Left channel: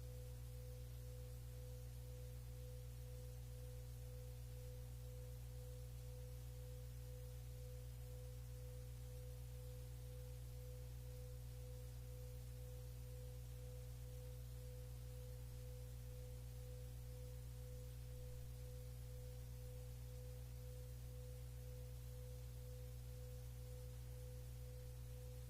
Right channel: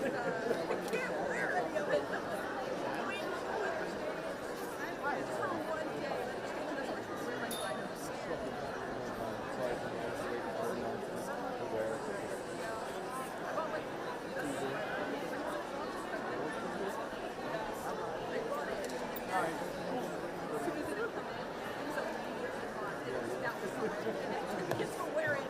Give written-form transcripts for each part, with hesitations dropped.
can't wear any of it. It's for one day. It's for wearing.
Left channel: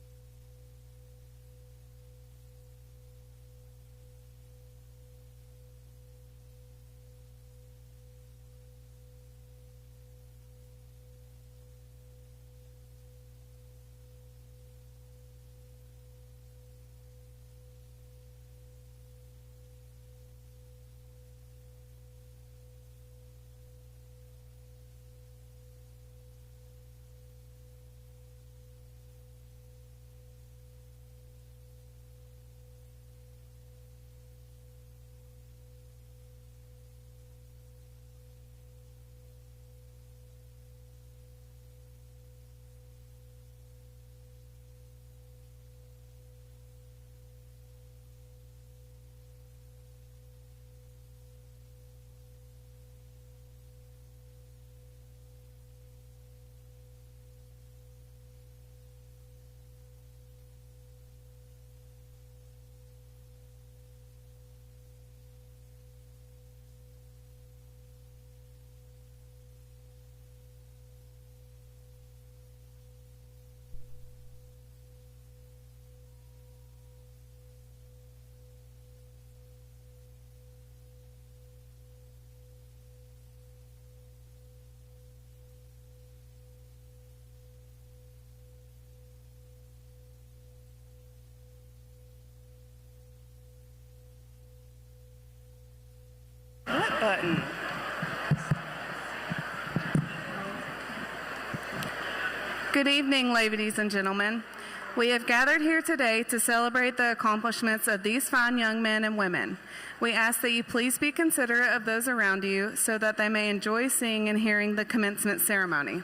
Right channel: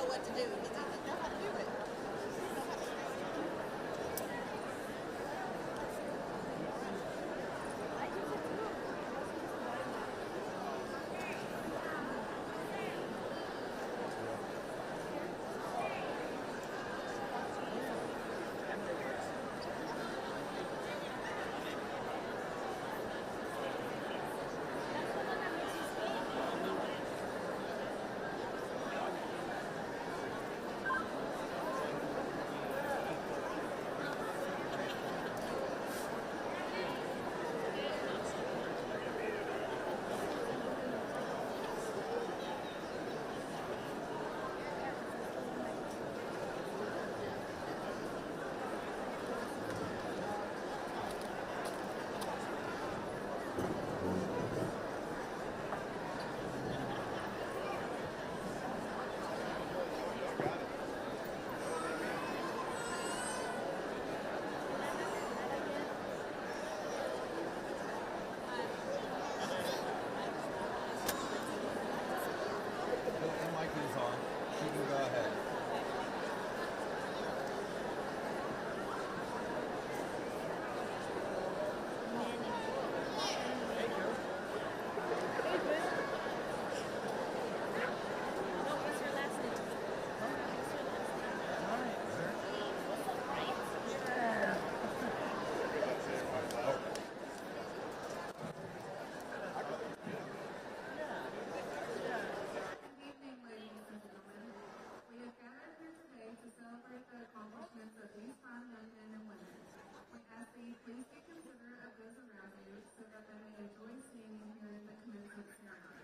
know what to do. He doesn't know how to do it. Button. Good evening, ladies and gentlemen. We have gathered here today to celebrate the accomplishments of these fine young men and women. We ask that you please be considerate of those around you so that they may enjoy seeing and hearing the commencement ceremony.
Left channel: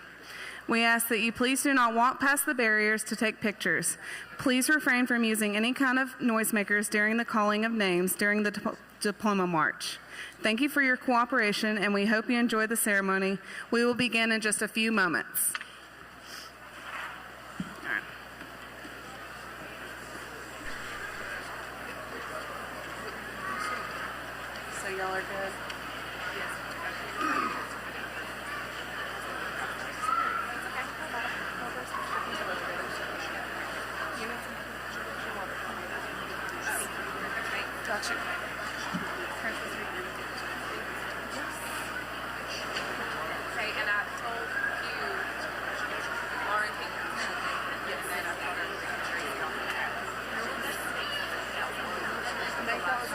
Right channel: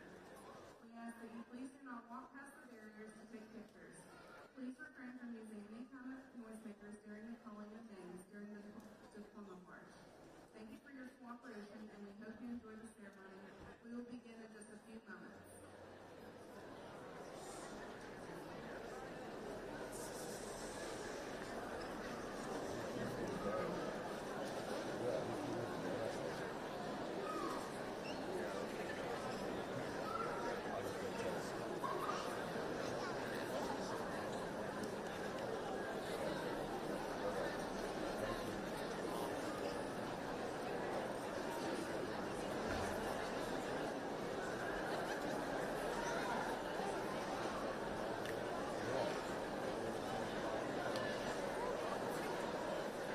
We ask that you please do not walk past the barriers to take pictures. Please refrain from using any kind of noisemakers during the calling of names during the diploma march. Thank you for your cooperation, and we hope you enjoy the ceremony. We will begin in just a few moments. So y'all are good? Touch it. Okay, and I told you, Lauren came to me yesterday, and I told her to train it on that. They call it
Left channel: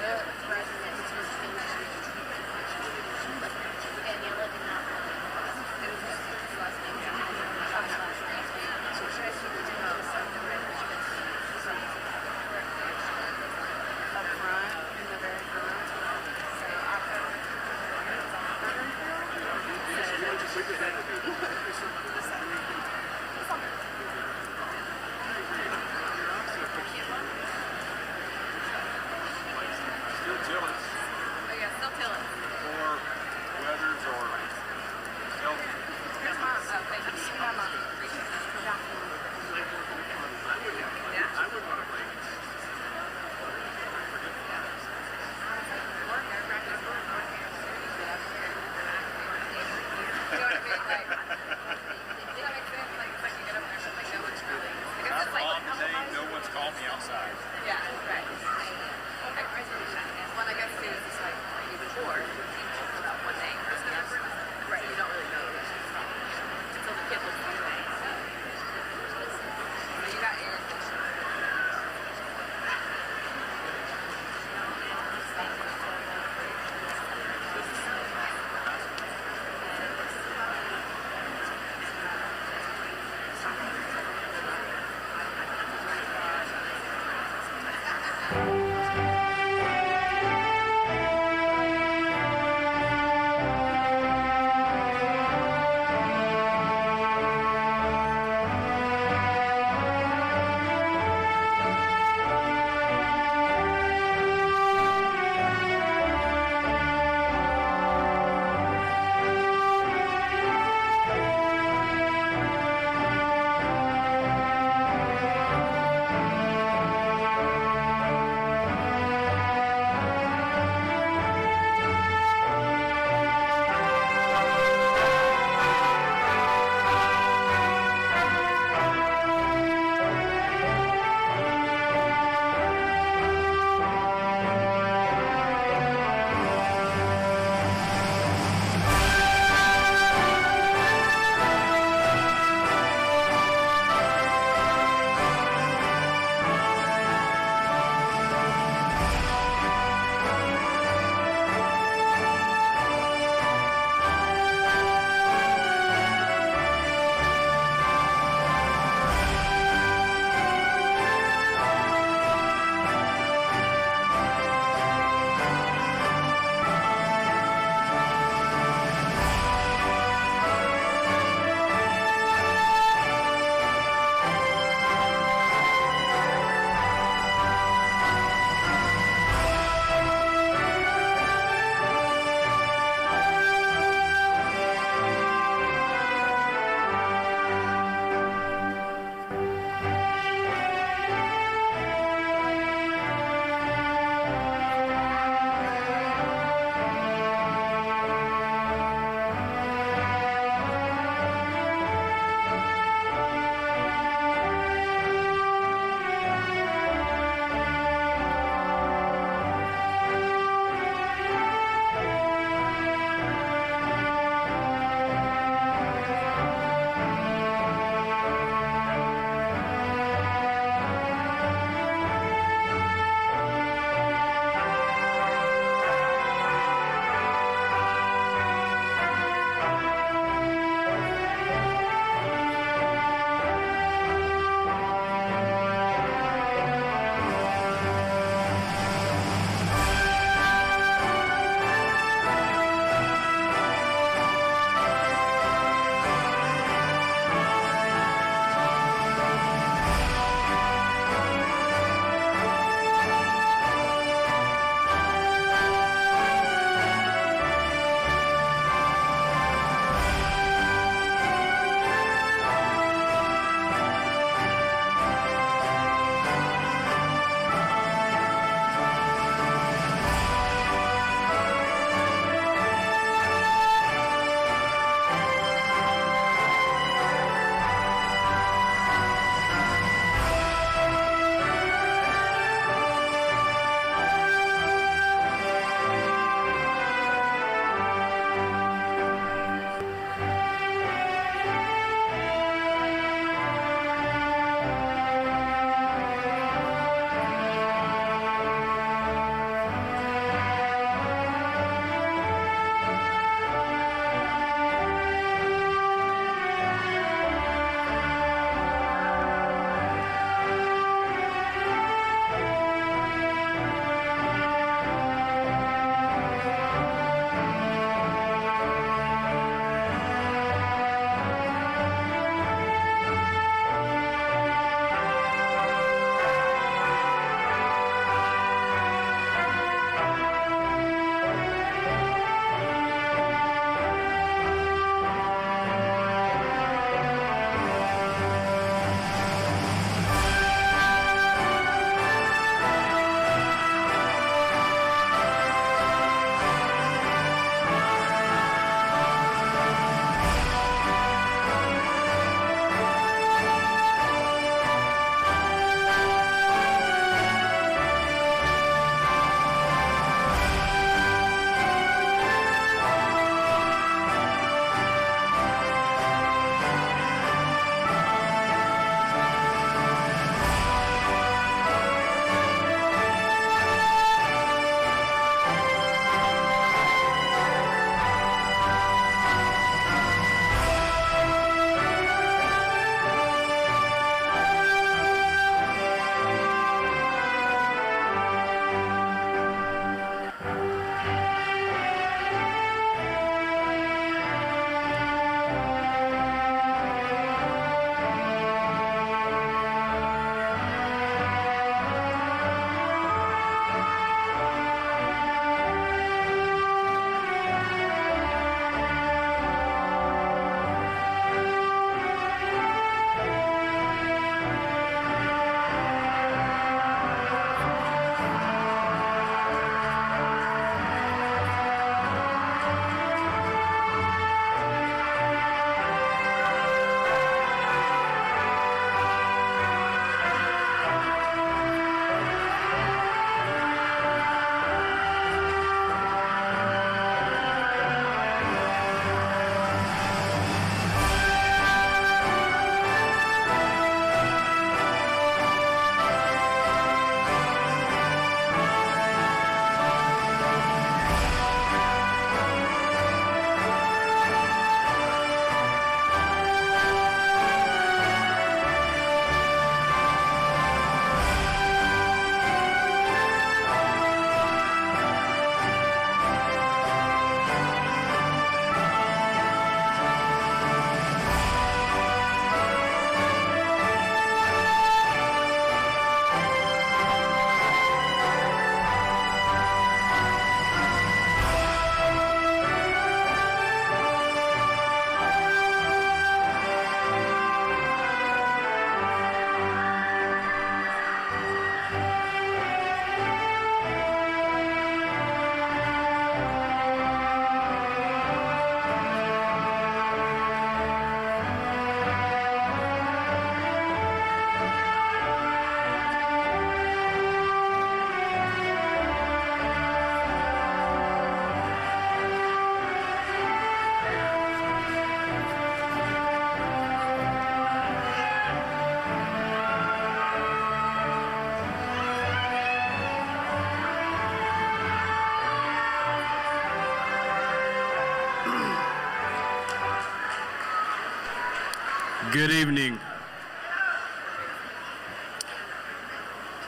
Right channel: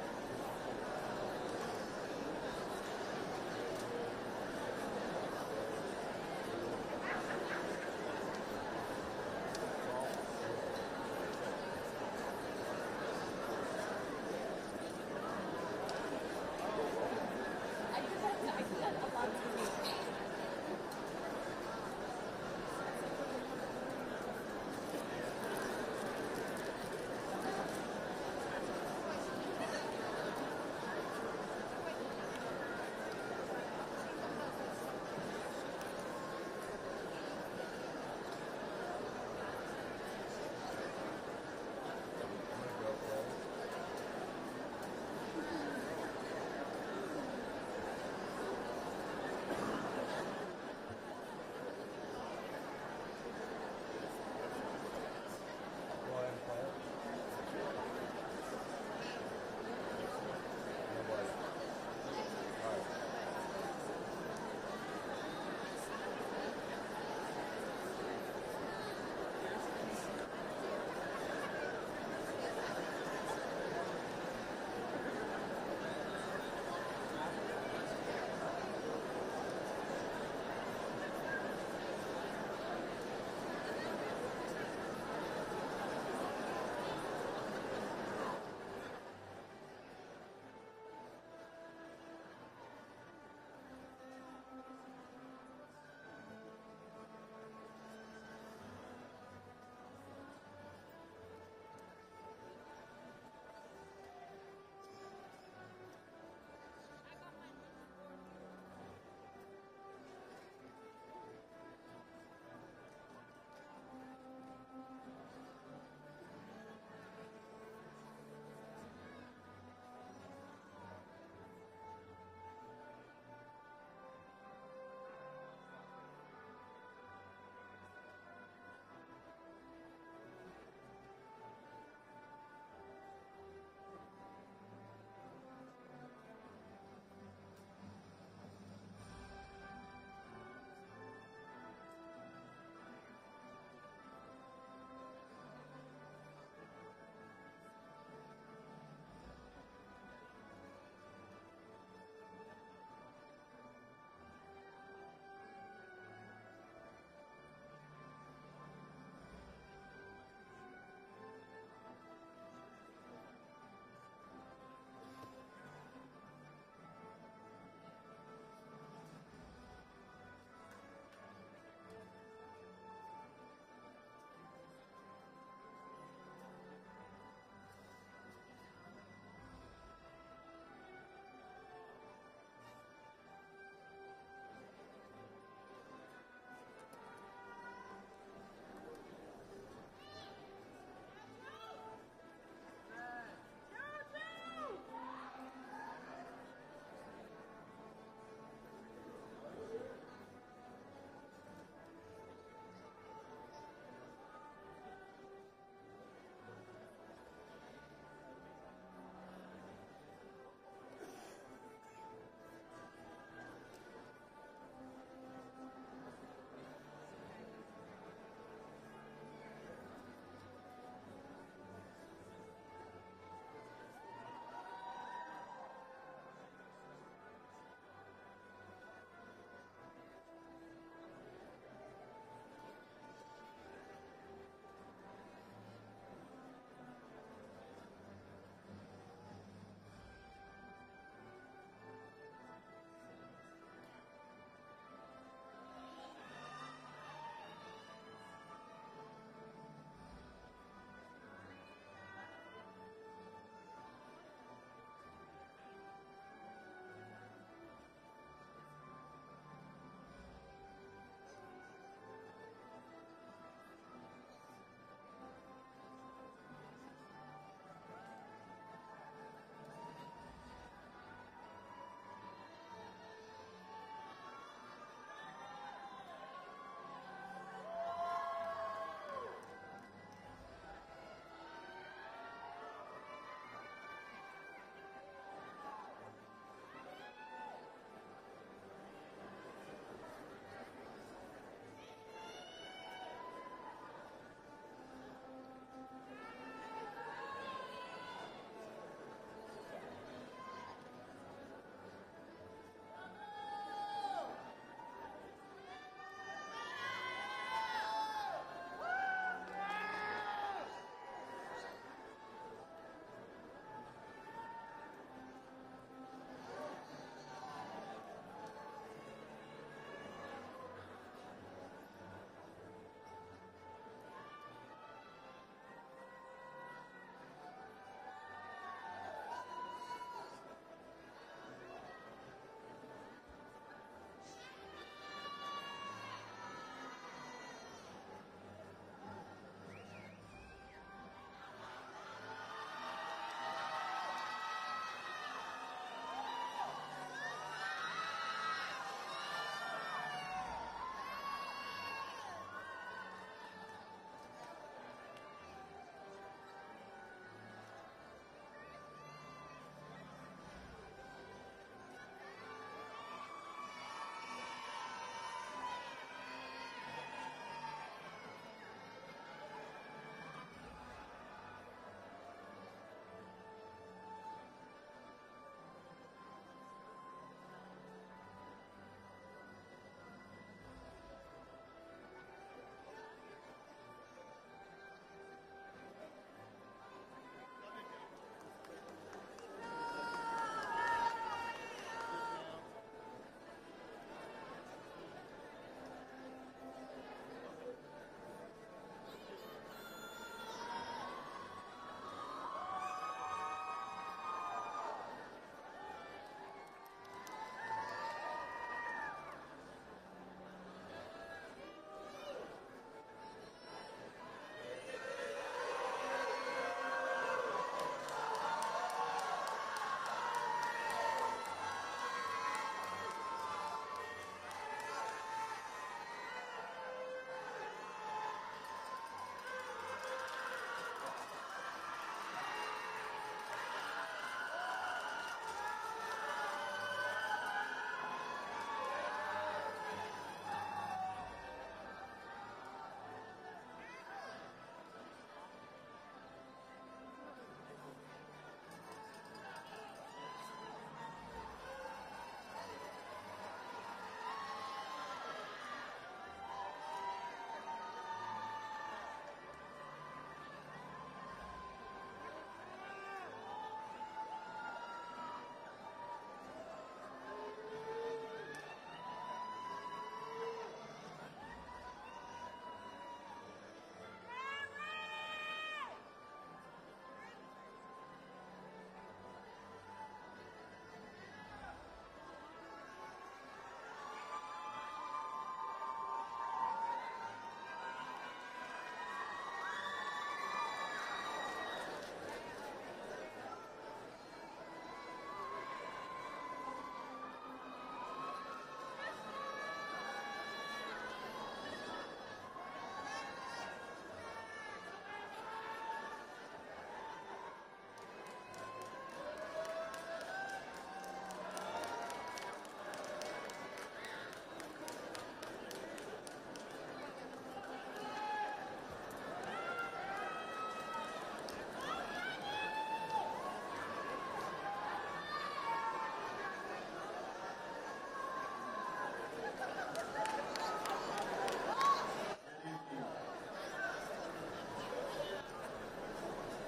Good evening.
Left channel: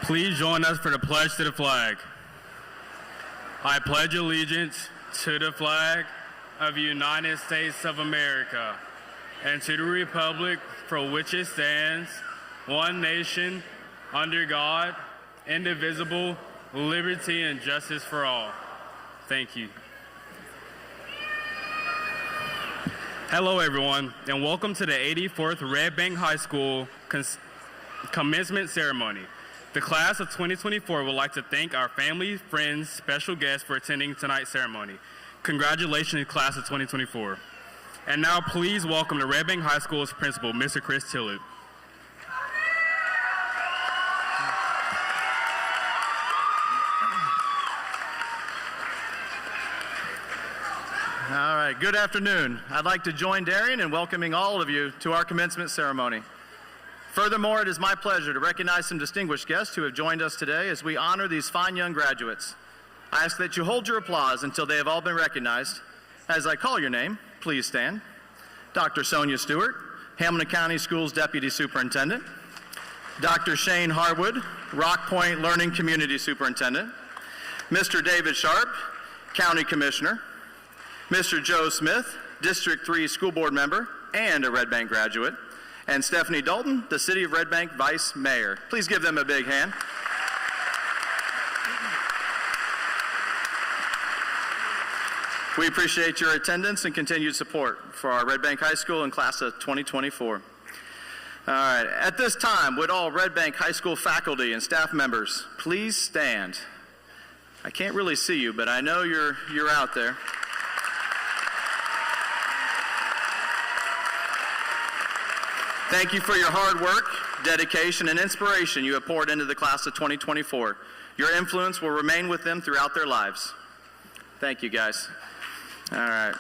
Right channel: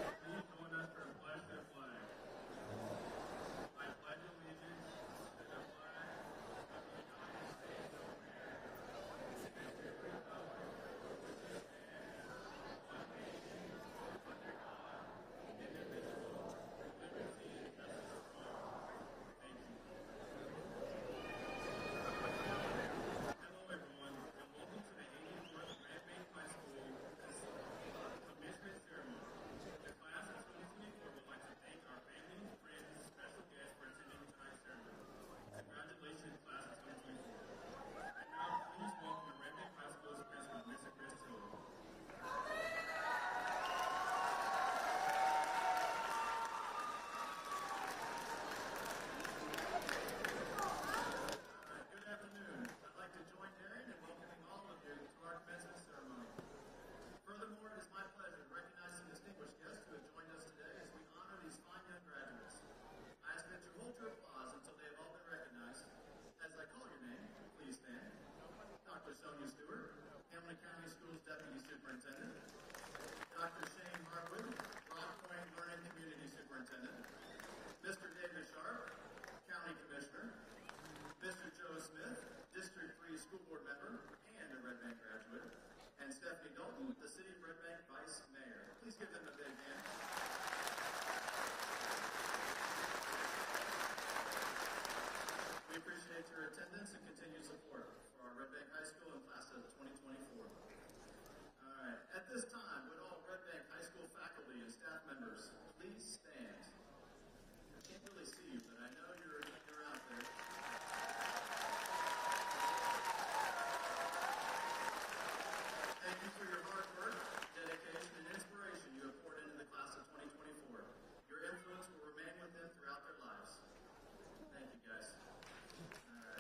Please join us for the pledge to the flag. I pledge allegiance to the flag of the United States of America and to the republic for which it stands, one nation, under God, indivisible, liberty and justice for all. Thank you. Hello everyone, and welcome to the 84th Red Bank High School commencement ceremony. The class of 2024 would like to thank our family, friends, special guests for attending tonight's ceremony. Congratulations, class of 2024. And now please welcome the Red Bank High School's principal, Mr. Chris Tillett. All right, good afternoon. I'd like to join Darian in welcoming all of you to our commencement ceremony. Furthermore, it is my pleasure to recognize some distinguished guests who have joined us today as we honor these fine young graduates. I ask that you hold your applause until they have all been recognized. As I call your name, please stand. Dr. Sonia Stewart, Hamilton County Schools Deputy Superintendent. Dr. Shane Harwood, Rock Point Learning Community Superintendent. Mr. David Sharp, County Commissioner. Mr. Joe Smith, District 3 School Board Member and a Red Bank graduate. And Stephanie Dalton, the City of Red Bank Vice Mayor. Please give them a big hand. We appreciate your attendance and continued support for our Red Bank High School and class of 2024. All right, at this time, would all Red Bank High School faculty and staff members please stand? I can't really see you, but I know you're out there. Thank you for your hard work, dedication, and inspiration you have poured into the class of 2024. Your influence will remain with them throughout their lives. Thank you, guys. All right.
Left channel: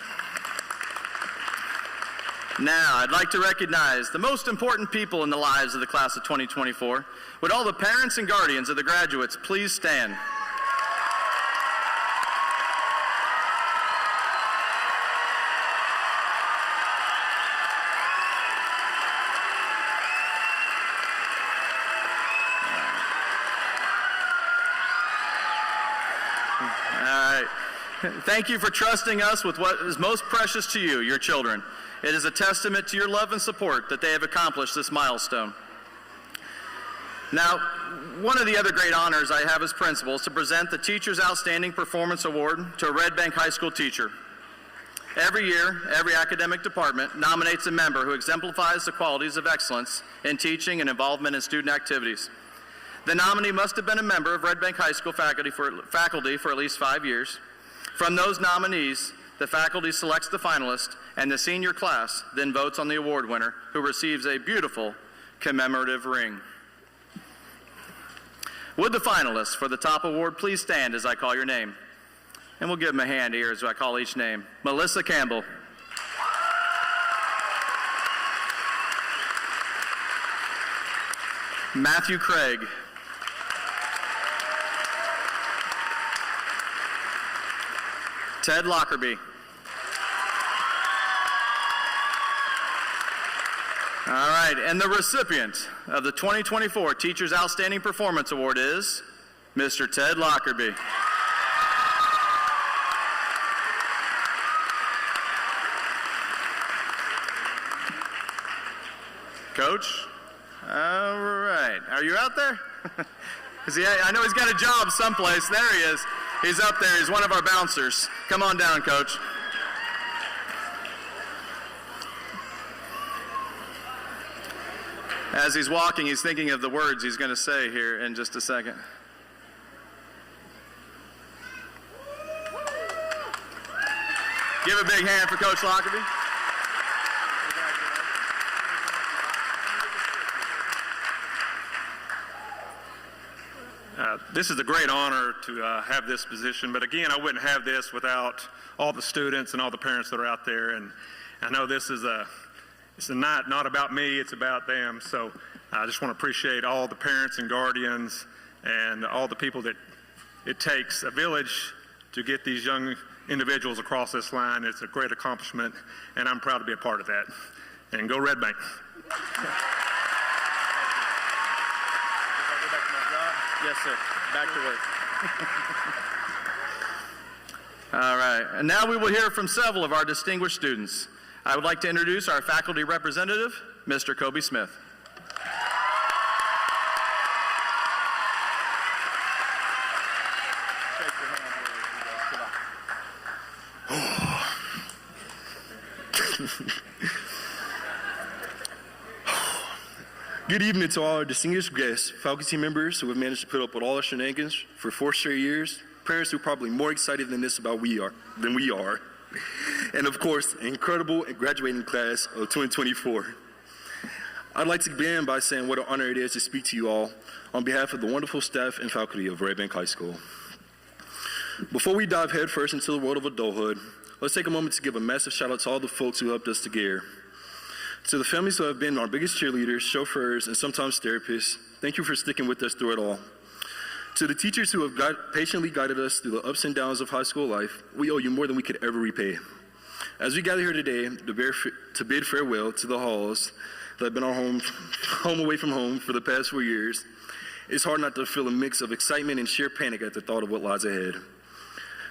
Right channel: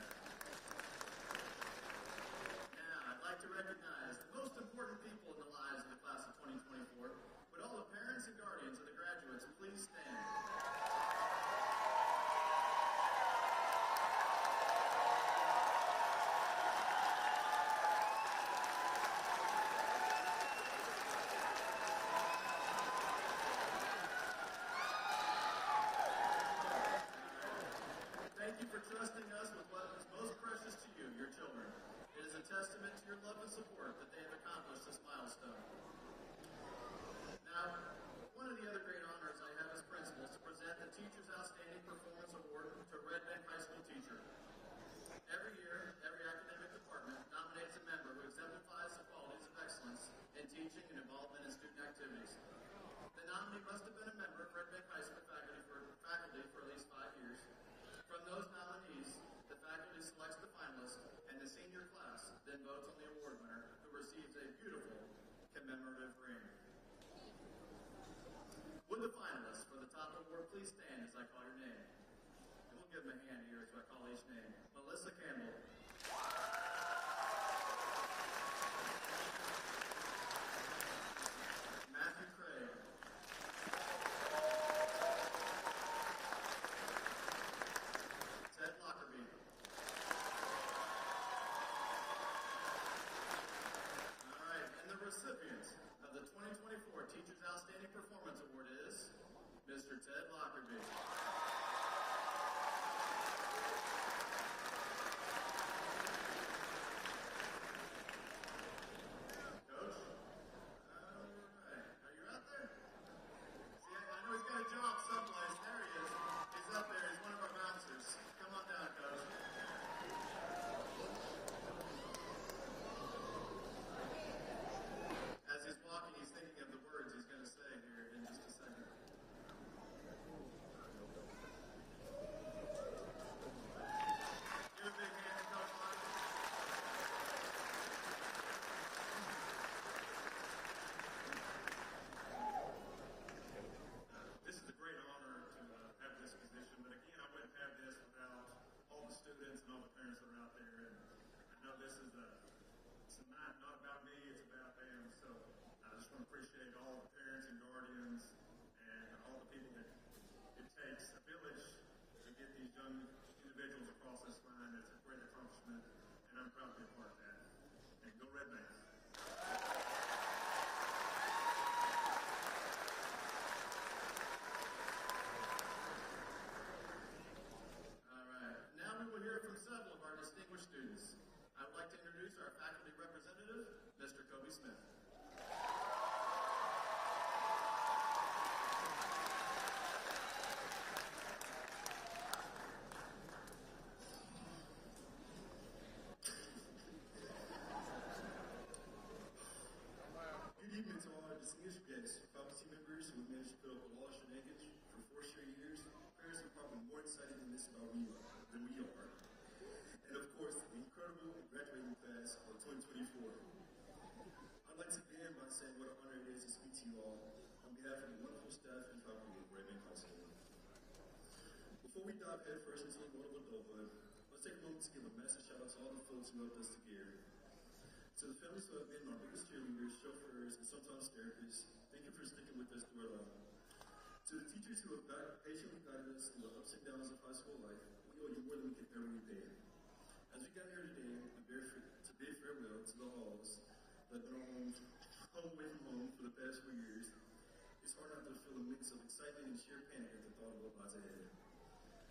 Now, I'd like to recognize the most important people in the lives of the class of 2024. Would all the parents and guardians of the graduates please stand? Thank you for trusting us with what is most precious to you, your children. It is a testament to your love and support that they have accomplished this milestone. Now, one of the other great honors I have as principal is to present the Teacher's Outstanding Performance Award to a Red Bank High School teacher. Every year, every academic department nominates a member who exemplifies the qualities of excellence in teaching and involvement in student activities. The nominee must have been a member of Red Bank High School faculty for at least 5 years. From those nominees, the faculty selects the finalist, and the senior class then votes on the award winner, who receives a beautiful commemorative ring. Would the finalists for the top award please stand as I call your name? And we'll give them a hand here as I call each name. Melissa Campbell. Matthew Craig. Ted Lockerbie. All right, and the recipient of the 2024 Teacher's Outstanding Performance Award is Mr. Ted Lockerbie. Coach? All right, are you out there? I know he's got a job someplace. There he is. He's up there. He's one of our bouncers. Come on down, Coach. As he's walking, he's thinking of the words he's going to say here in just a second. Give a big hand for Coach Lockerbie. This is a great honor to have this position, but again, I wouldn't have this without all the students and all the parents that are out there. And I know this is it's a night not about me, it's about them. So I just want to appreciate all the parents and guardians and all the people that it takes, a village, to get these young individuals across this line. It's a great accomplishment, and I'm proud to be a part of that. And go Red Bank. Yes, sir. Back to work. All right, and now we will hear from several of our distinguished students. I would like to introduce our faculty representative, Mr. Kobe Smith. Good evening to all our distinguished guests, faculty members who have managed to put up with all our shenanigans for 4 straight years, parents who are probably more excited than this about than we are, and of course, an incredible graduating class of 2024. I'd like to begin by saying what an honor it is to speak to you all on behalf of the wonderful staff and faculty of Red Bank High School. Before we dive headfirst into the world of adulthood, let's take a moment to give a massive shout out to all the folks who helped us to get here. To the families who have been our biggest cheerleaders, chauffeurs, and sometimes therapists, thank you for sticking with us through it all. To the teachers who have patiently guided us through the ups and downs of high school life, we owe you more than we could ever repay. As we gather here today to bid farewell to the halls that have been our home away from home for the past 4 years, it's hard not to feel a mix of excitement and sheer panic at the thought of what lies ahead.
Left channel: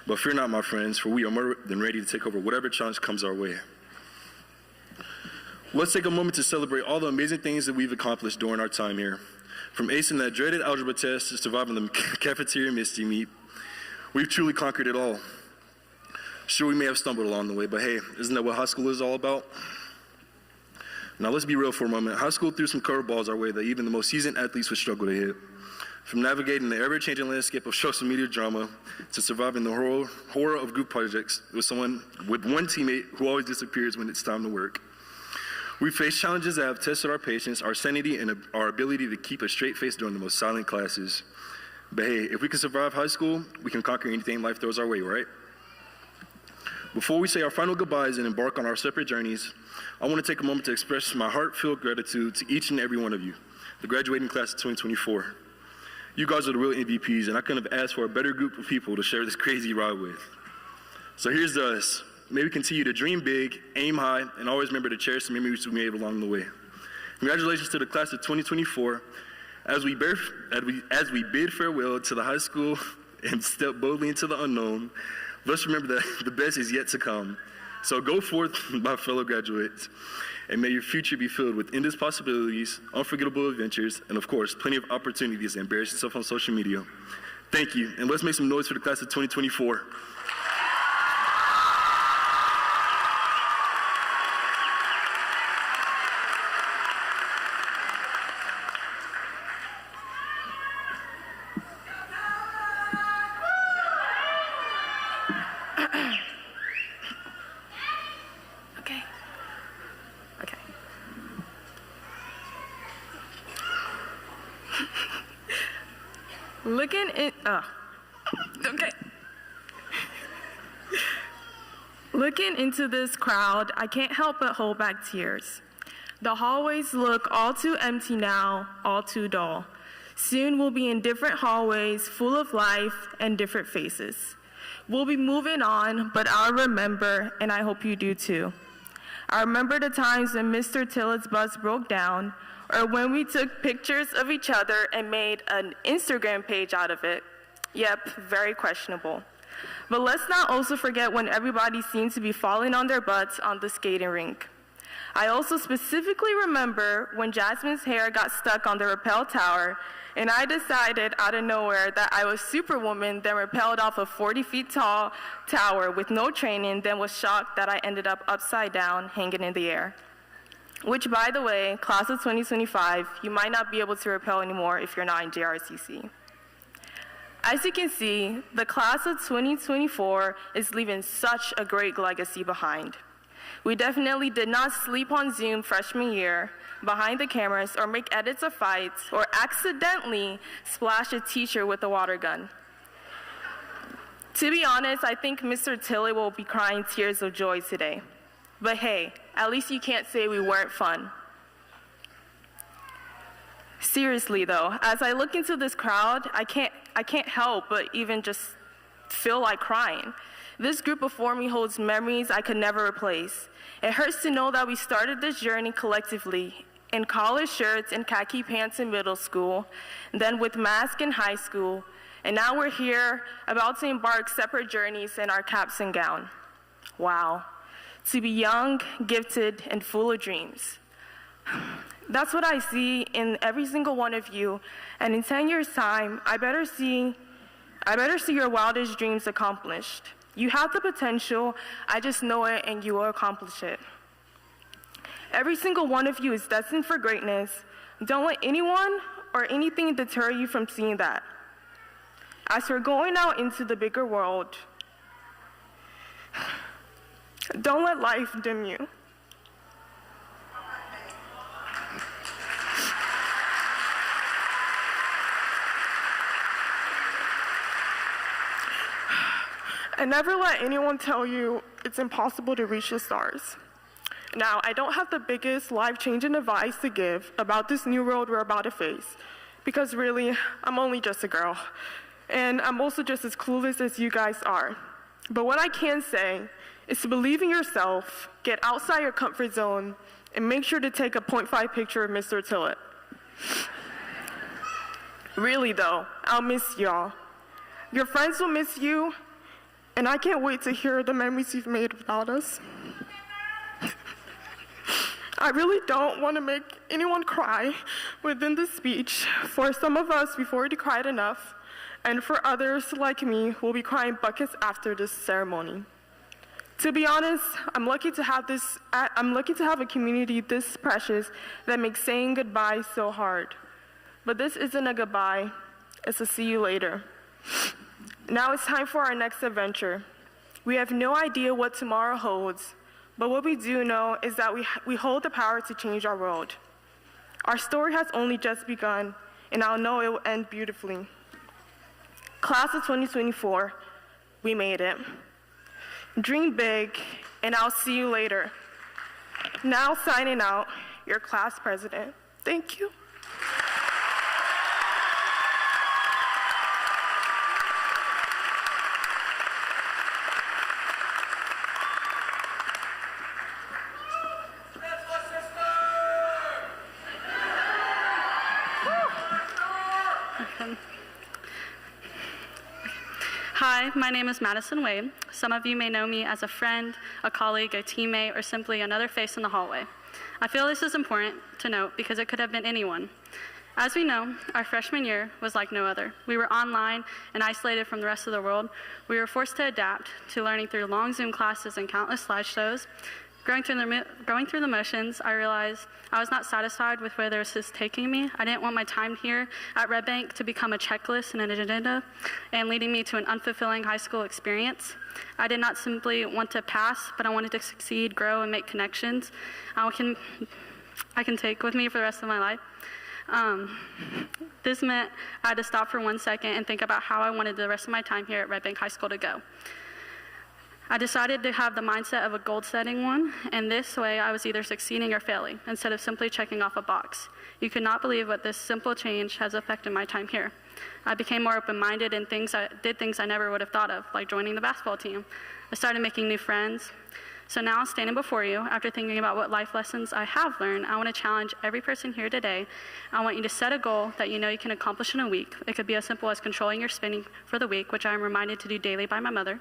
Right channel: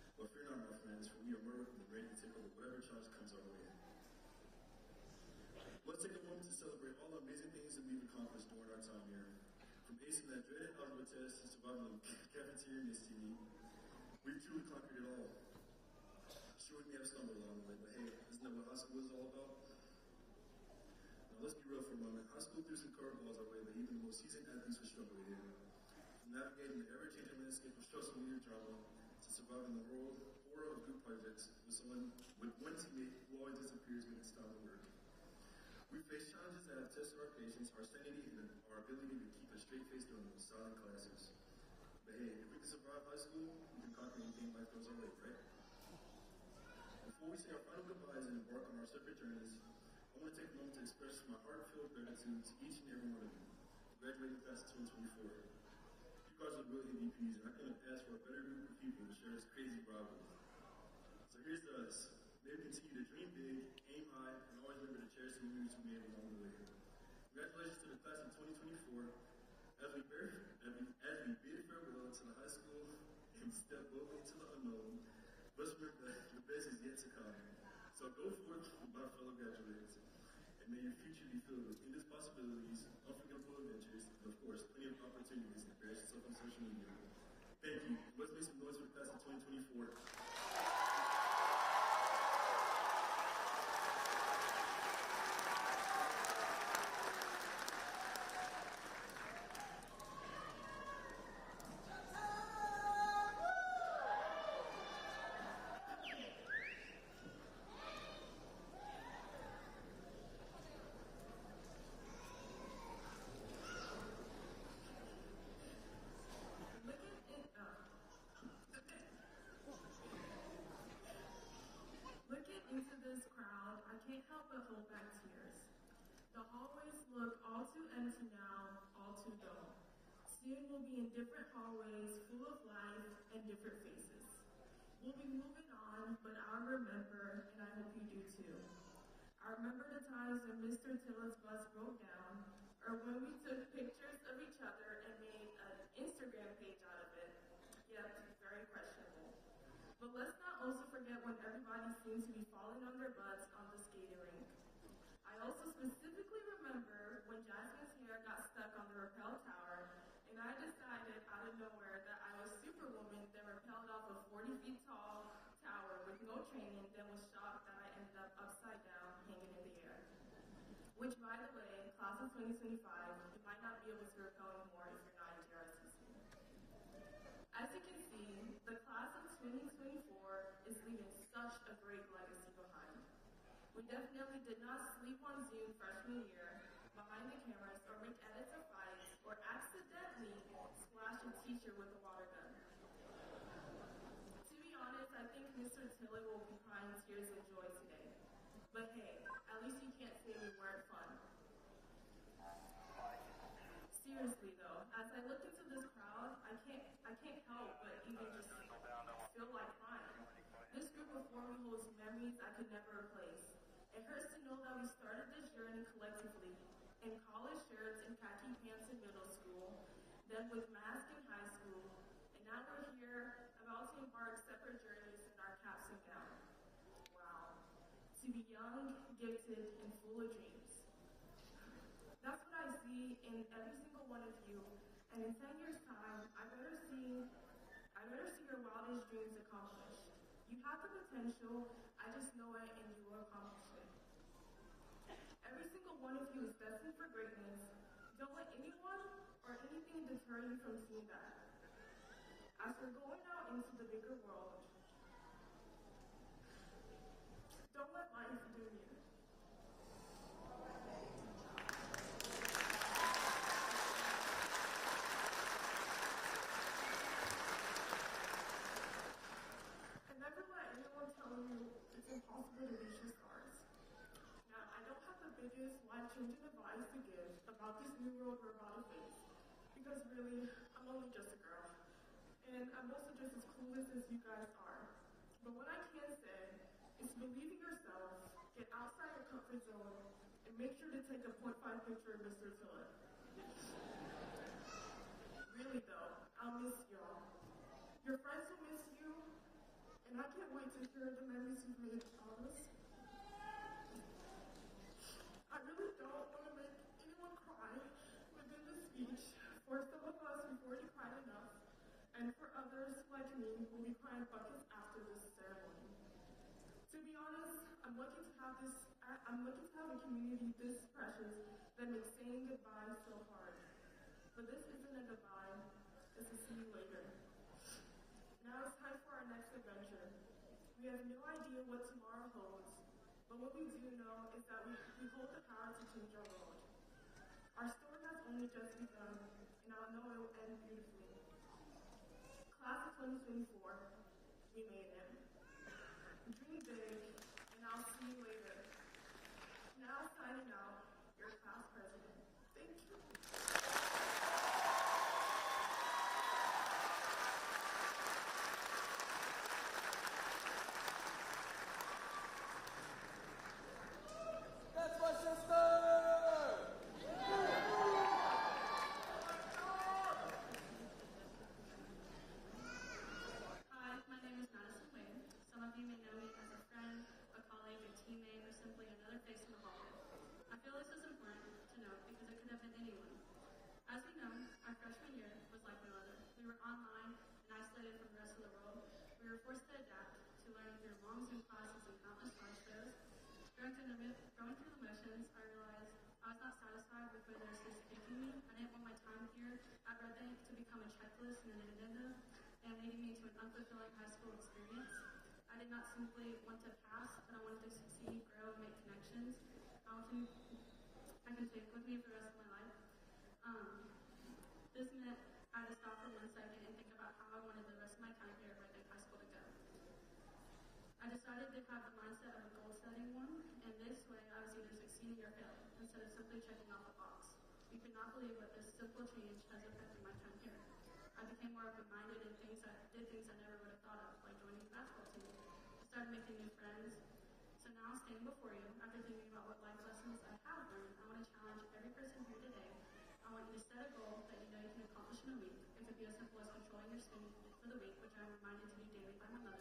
But fear not, my friends, for we are more than ready to take over whatever challenge comes our way. Let's take a moment to celebrate all the amazing things that we've accomplished during our time here. From acing that dreaded algebra test to surviving the cafeteria misty meat, we've truly conquered it all. Sure, we may have stumbled along the way, but hey, isn't that what high school is all about? Now let's be real for a moment. High school threw some curveballs our way that even the most seasoned athletes would struggle to hit. From navigating the ever-changing landscape of social media drama to surviving the horror of group projects with one teammate who always disappears when it's time to work. We face challenges that have tested our patience, our sanity, and our ability to keep a straight face during the most silent classes. But hey, if we can survive high school, we can conquer anything life throws our way, right? Before we say our final goodbyes and embark on our separate journeys, I want to take a moment to express my heartfelt gratitude to each and every one of you, the graduating class of 2024. You guys are the real MVPs, and I couldn't have asked for a better group of people to share this crazy ride with. So here's to us. May we continue to dream big, aim high, and always remember to cherish the memories we made along the way. Congratulations to the class of 2024. As we bid farewell to the high school and step boldly into the unknown, let's remember that the best is yet to come. So go forth, my fellow graduates, and may your future be filled with endless possibilities, unforgettable adventures, and of course, plenty of opportunities to embarrass yourself on social media. Thank you, and let's make some noise for the class of 2024. Looking into this crowd, I can't help but hold back tears. The hallways look all too empty now, all too dull. Soon we'll be in different hallways full of life and different faces. We'll be moving on, but I'll remember, and I hope you do too. I remember the times when Mr. Tillett's bus broke down, or when we took pictures of each other and made an Instagram page out of it. Yep, very questionable. But let's not also forget when everybody seemed to be falling on their butts on the skating rink. I also specifically remember when Jasmine's hair got stuck on the rappel tower, and I decided out of nowhere that I was Superwoman, then rappelled off a 40 feet tall tower with no training, then was shocked that I ended up upside down, hanging in the air. Which, by the way, class of 2025, you might not be able to rappel anymore if you're not in JRCC. As you can see, the class of 2024 is leaving such a great legacy behind. We definitely did not sleep on Zoom freshman year, behind the cameras, or make edits of fights, or accidentally splash a teacher with a water gun. To be honest, I think Mr. Tilley will be crying tears of joy today. But hey, at least you can't say we weren't fun. Seriously though, as I look into this crowd, I can't help but even just feel like crying. This group before me holds memories I could never replace. It hurts to know that we started this journey collectively, in college shirts and khaki pants in middle school, then with masks in high school, and now we're here about to embark separate journeys in our caps and gown. Wow, to be young, gifted, and full of dreams. That's what I see in every single one of you, and in 10 years' time, I better see your wildest dreams accomplished. You have the potential, I just know it, and you will accomplish it. Every single one of you is destined for greatness. Don't let anyone or anything deter you from seeing that. As you're going out into the bigger world, don't let life dim you. And never let anyone tell you it's impossible to reach the stars. Now, I don't have the biggest life-changing advice to give about this new world we're about to face, because really, I'm only just a girl, and I'm also just as clueless as you guys are. But what I can say is to believe in yourself, get outside your comfort zone, and make sure to take a 0.5 picture of Mr. Tillett. Really though, I'll miss y'all. Your friends will miss you, and I can't wait to hear the memories you've made without us. I really don't want to make anyone cry within this speech. For some of us, we've already cried enough, and for others, like me, will be crying buckets after this ceremony. To be honest, I'm lucky to have a community this precious that makes saying goodbye so hard. But this isn't a goodbye, it's a see you later. Now it's time for our next adventure. We have no idea what tomorrow holds, but what we do know is that we hold the power to change our world. Our story has only just begun, and I'll know it will end beautifully. Class of 2024, we made it. Dream big, and I'll see you later. Now signing out, your class president. Thank you. Hi, my name is Madison Wade. Some of you may know me as a friend, a colleague, a teammate, or simply another face in the hallway. I feel this is important to note because it could have been anyone. As we know, our freshman year was like no other. We were online and isolated from the rest of the world. We were forced to adapt to learning through long Zoom classes and countless slideshows. Going through the motions, I realized I was not satisfied with where this is taking me. I didn't want my time here at Red Bank to become a checklist and an agenda and leading me to an unfulfilling high school experience. I did not simply want to pass, but I wanted to succeed, grow, and make connections I can take with me for the rest of my life. This meant I had to stop for 1 second and think about how I wanted the rest of my time here at Red Bank High School to go. I decided to have the mindset of a goal-setting one, and this way I was either succeeding or failing, instead of simply checking off a box. You could not believe what this simple change has affected my time here. I became more open-minded and did things I never would have thought of, like joining the basketball team. I started making new friends. So now, standing before you, after thinking about what life lessons I have learned, I want to challenge every person here today. I want you to set a goal that you know you can accomplish in a week. It could be as simple as controlling your spending for the week, which I am reminded to do daily by my mother.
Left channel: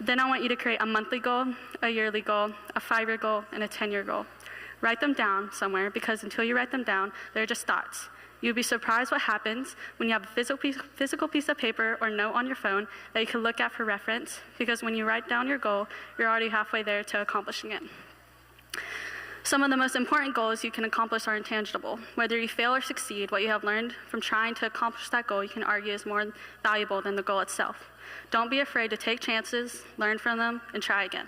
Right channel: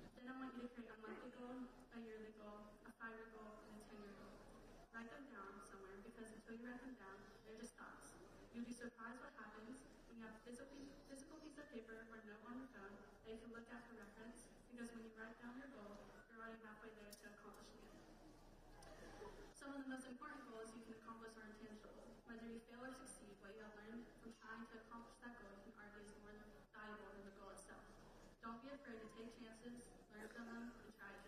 Then I want you to create a monthly goal, a yearly goal, a 5-year goal, and a 10-year goal. Write them down somewhere, because until you write them down, they're just thoughts. You'll be surprised what happens when you have a physical piece of paper or note on your phone that you can look at for reference, because when you write down your goal, you're already halfway there to accomplishing it. Some of the most important goals you can accomplish are intangible. Whether you fail or succeed, what you have learned from trying to accomplish that goal, you can argue is more valuable than the goal itself. Don't be afraid to take chances, learn from them, and try again.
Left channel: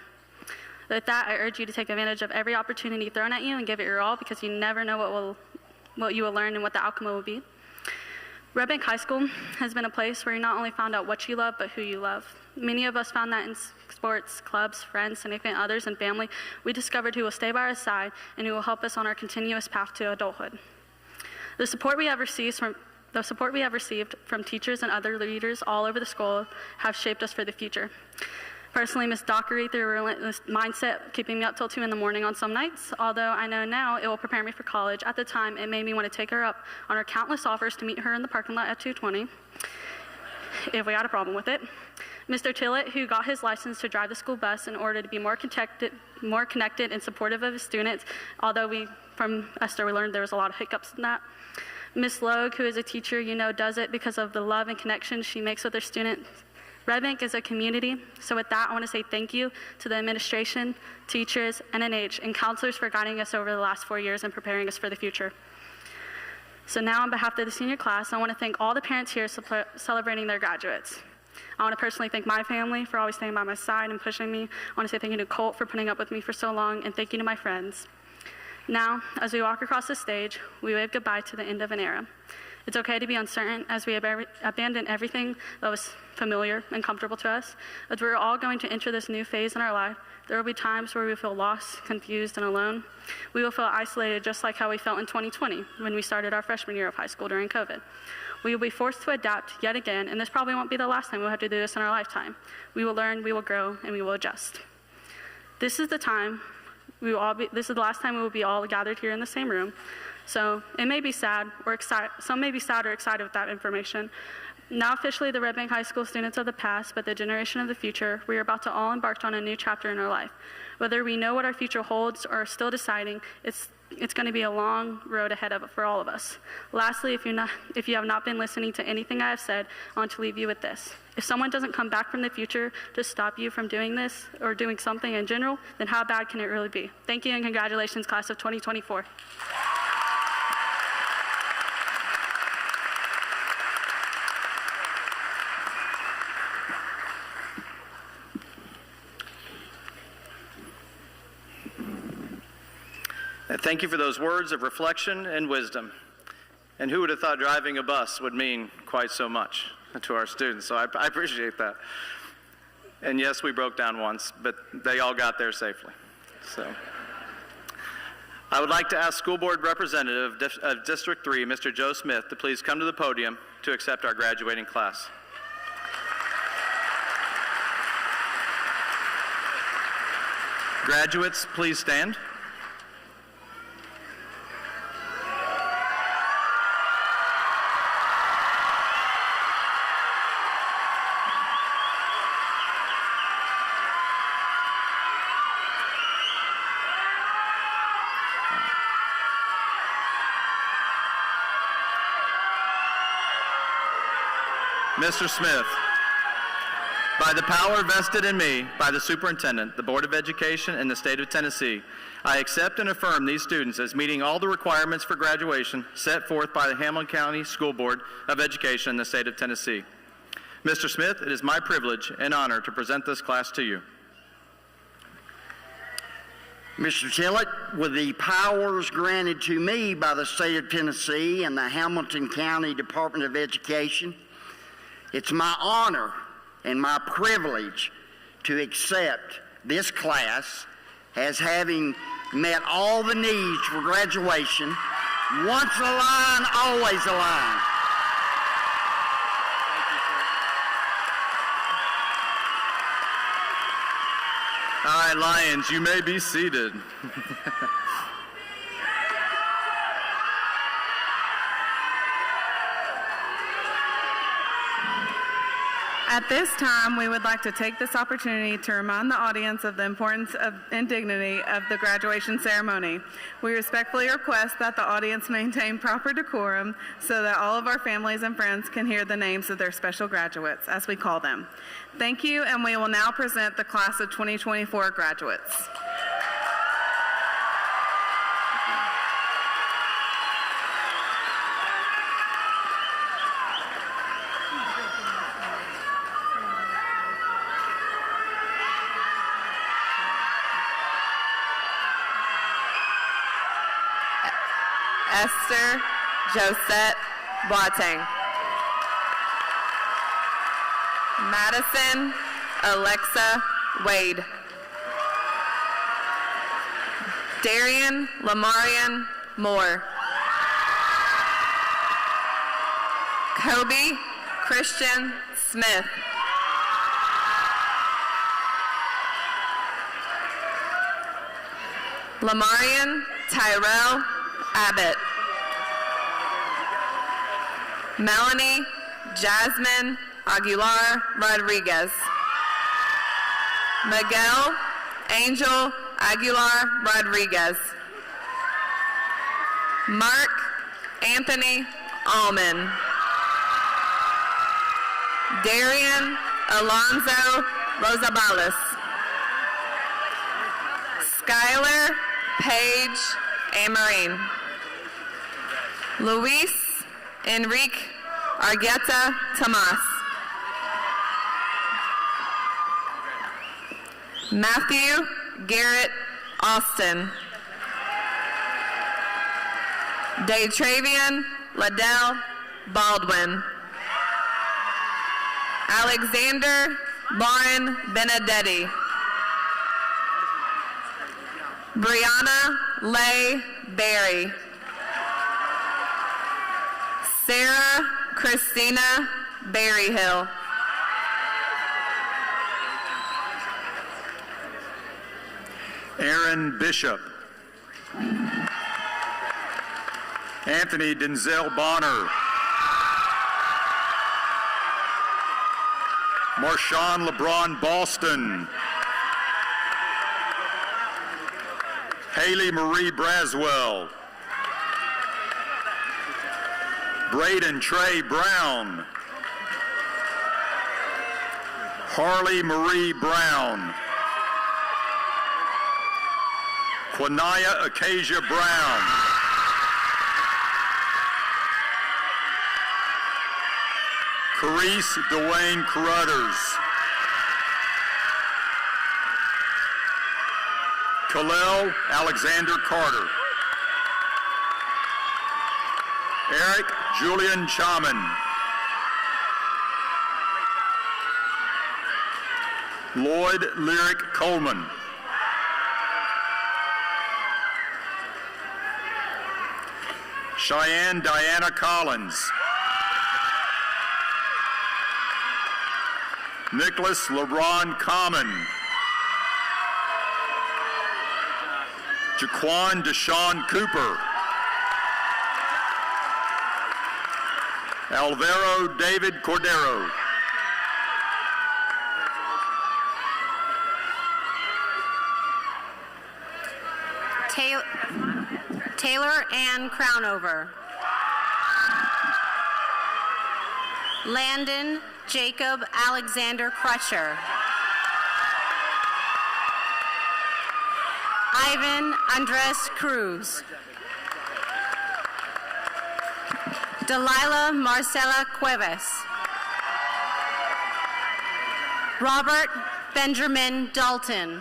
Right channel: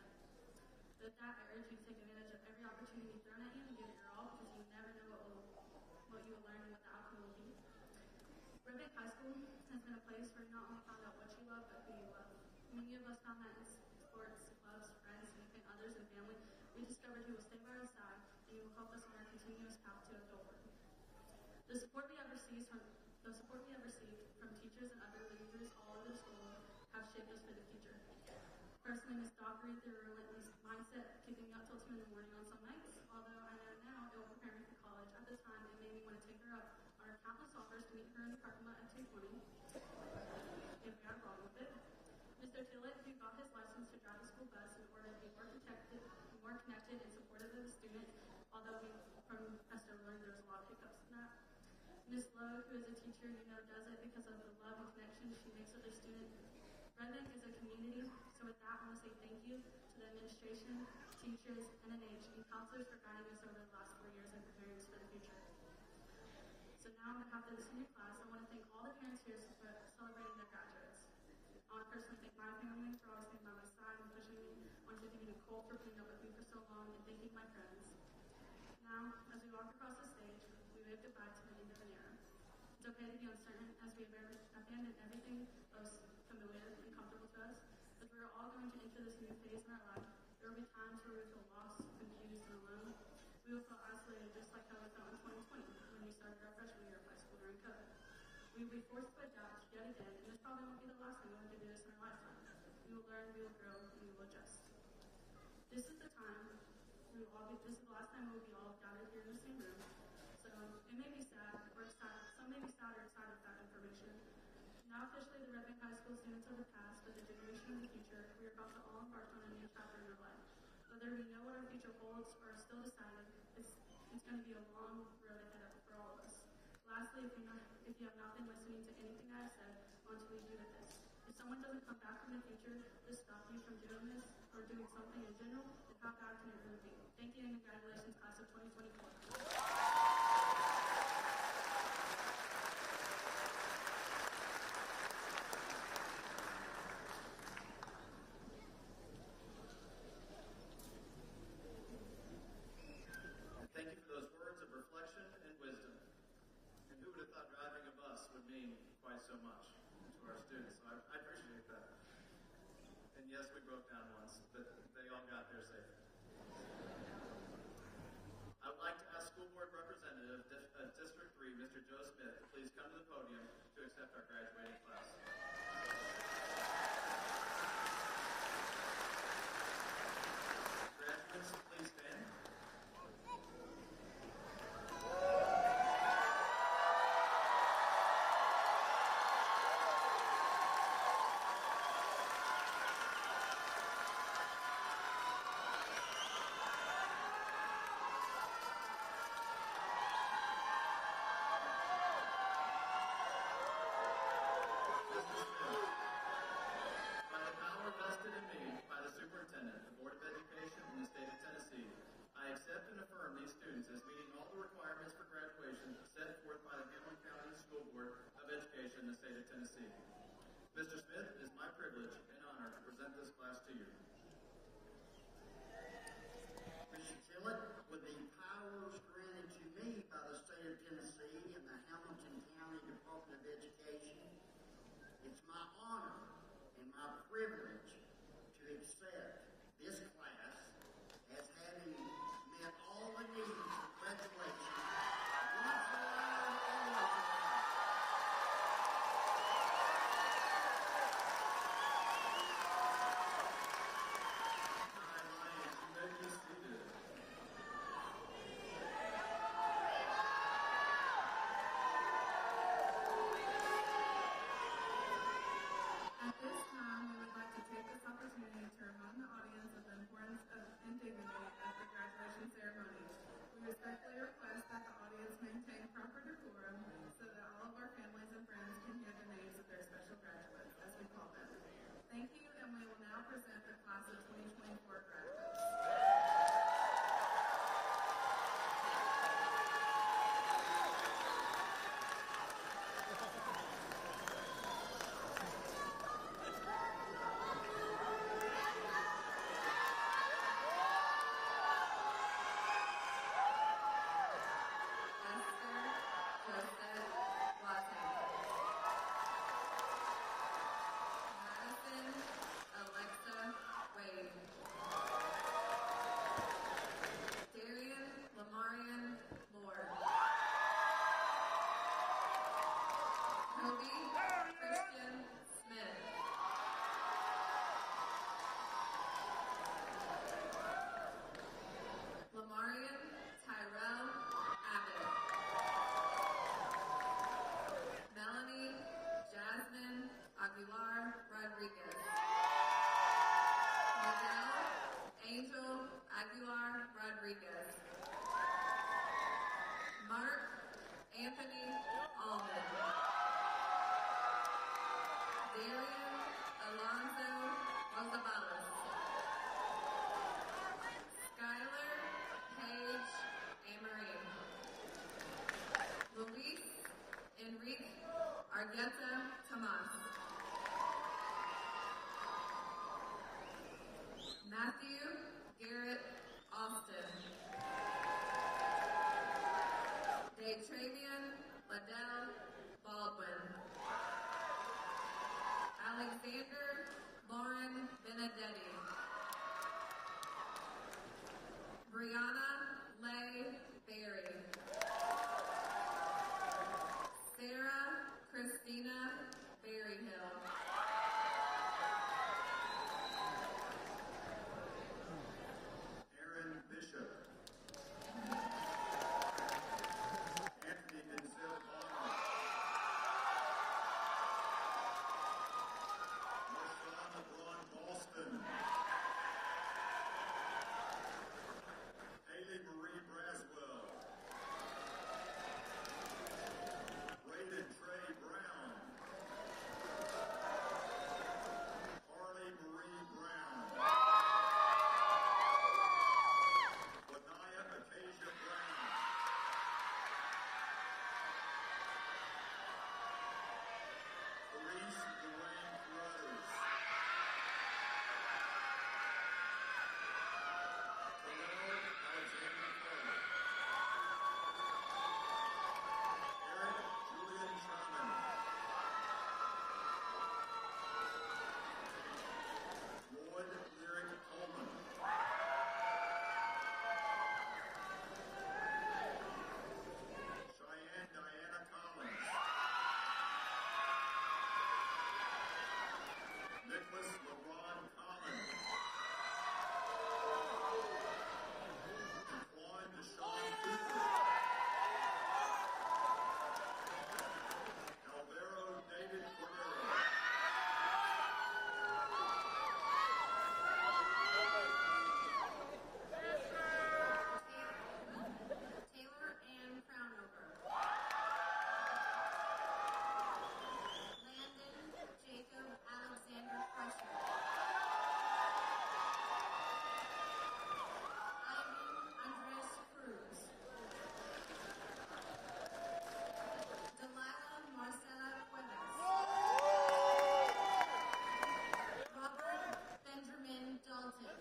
With that, I urge you to take advantage of every opportunity thrown at you and give it your all, because you never know what you will learn and what the outcome will be. Red Bank High School has been a place where you not only found out what you love, but who you love. Many of us found that in sports, clubs, friends, significant others, and family. We discovered who will stay by our side and who will help us on our continuous path to adulthood. The support we have received from teachers and other leaders all over the school have shaped us for the future. Personally, Miss Dockery through a relentless mindset, keeping me up till 2 in the morning on some nights. Although I know now it will prepare me for college, at the time it made me want to take her up on her countless offers to meet her in the parking lot at 2:20, if we had a problem with it. Mr. Tillett, who got his license to drive the school bus in order to be more connected and supportive of his students, although from Esther we learned there was a lot of hiccups in that. Miss Logue, who is a teacher you know does it because of the love and connection she makes with her students. Red Bank is a community, so with that I want to say thank you to the administration, teachers, NNH, and counselors for guiding us over the last 4 years and preparing us for the future. So now on behalf of the senior class, I want to thank all the parents here celebrating their graduates. I want to personally thank my family for always staying by my side and pushing me. I want to say thank you to Colt for putting up with me for so long, and thank you to my friends. Now, as we walk across the stage, we wave goodbye to the end of an era. It's okay to be uncertain as we abandon everything that was familiar and comfortable to us. As we're all going to enter this new phase in our life, there will be times where we feel lost, confused, and alone. We will feel isolated just like how we felt in 2020 when we started our freshman year of high school during COVID. We will be forced to adapt yet again, and this probably won't be the last time we'll have to do this in our lifetime. We will learn, we will grow, and we will adjust. This is the time this is the last time we will be all gathered here in the same room. So it may be sad or excited. Some may be sad or excited with that information. Now officially the Red Bank High School students of the past, but the generation of the future, we are about to all embark on a new chapter in our life. Whether we know what our future holds or are still deciding, it's going to be a long road ahead of it for all of us. Lastly, if you have not been listening to anything I have said, I want to leave you with this. If someone doesn't come back from the future to stop you from doing this or doing something in general, then how bad can it really be? Thank you and congratulations, class of 2024. Thank you for those words of reflection and wisdom. And who would have thought driving a bus would mean quite so much to our students? So I appreciate that. And yes, we broke down once, but they all got there safely. So I would like to ask School Board Representative of District 3, Mr. Joe Smith, to please come to the podium to accept our graduating class. Graduates, please stand. Mr. Smith, by the power vested in me by the Superintendent, the Board of Education, and the State of Tennessee, I accept and affirm these students as meeting all the requirements for graduation set forth by the Hamilton County School Board of Education in the State of Tennessee. Mr. Smith, it is my privilege and honor to present this class to you. Mr. Tillett, with the powers granted to me by the State of Tennessee and the Hamilton County Department of Education, it's my honor and my privilege to accept this class as having met all the needs for graduation. Once a line, always a line. All right, Lions, you may be seated. At this time, we would like to take this opportunity to remind the audience of the importance and dignity of the graduation ceremony. We respectfully request that the audience maintain proper decorum so that all of our families and friends can hear the names of their special graduates, as we call them. Thank you, and we will now present the class of 2024 graduates. Esther Josette Boateng. Madison Alexa Wade. Darian Lamarian Moore. Kobe Christian Smith. Lamarian Tyrell Abbott. Melanie Jasmine Aguilar Rodriguez. Miguel Angel Aguilar Rodriguez. Mark Anthony Allman. Darian Alonzo Rosabales. Skylar Paige Amarine. Luis Enrique Argueta Tomas. Matthew Garrett Austin. Daytravian Liddell Baldwin. Alexander Lauren Benedetti. Brianna Leigh Berry. Sarah Christina Berryhill. Aaron Bishop. Anthony Denzel Bonner. Marshawn LeBron Boston. Haley Marie Braswell. Braden Trey Brown. Harley Marie Brown. Quanaya Acacia Brown. Carice Dwayne Carruthers. Khalil Alexander Carter. Eric Julian Chaman. Lloyd Lyric Coleman. Cheyenne Diana Collins. Nicholas LeBron Common. Jaquan Deshaun Cooper. Alvaro David Cordero. Taylor Ann Crownover. Landon Jacob Alexander Crusher. Ivan Andres Cruz. Delilah Marcela Cuevas. Robert Benjamin Dalton.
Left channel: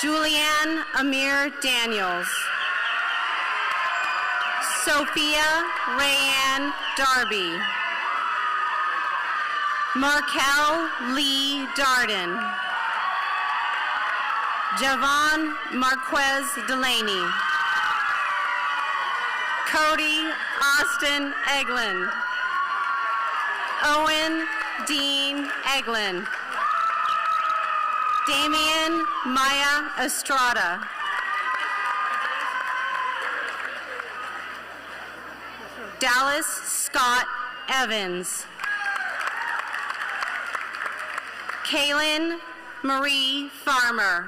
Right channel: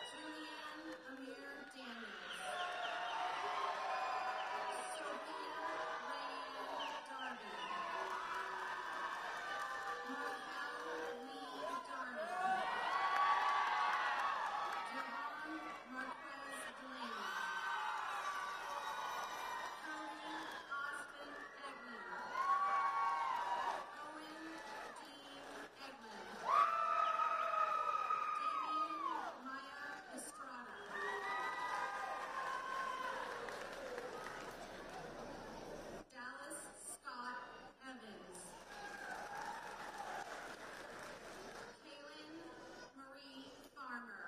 Julianne Amir Daniels. Sophia Rayanne Darby. Markel Lee Darden. Javon Marquez Delaney. Cody Austin Eglin. Owen Dean Eglin. Damian Maya Estrada. Dallas Scott Evans. Kaylin Marie Farmer.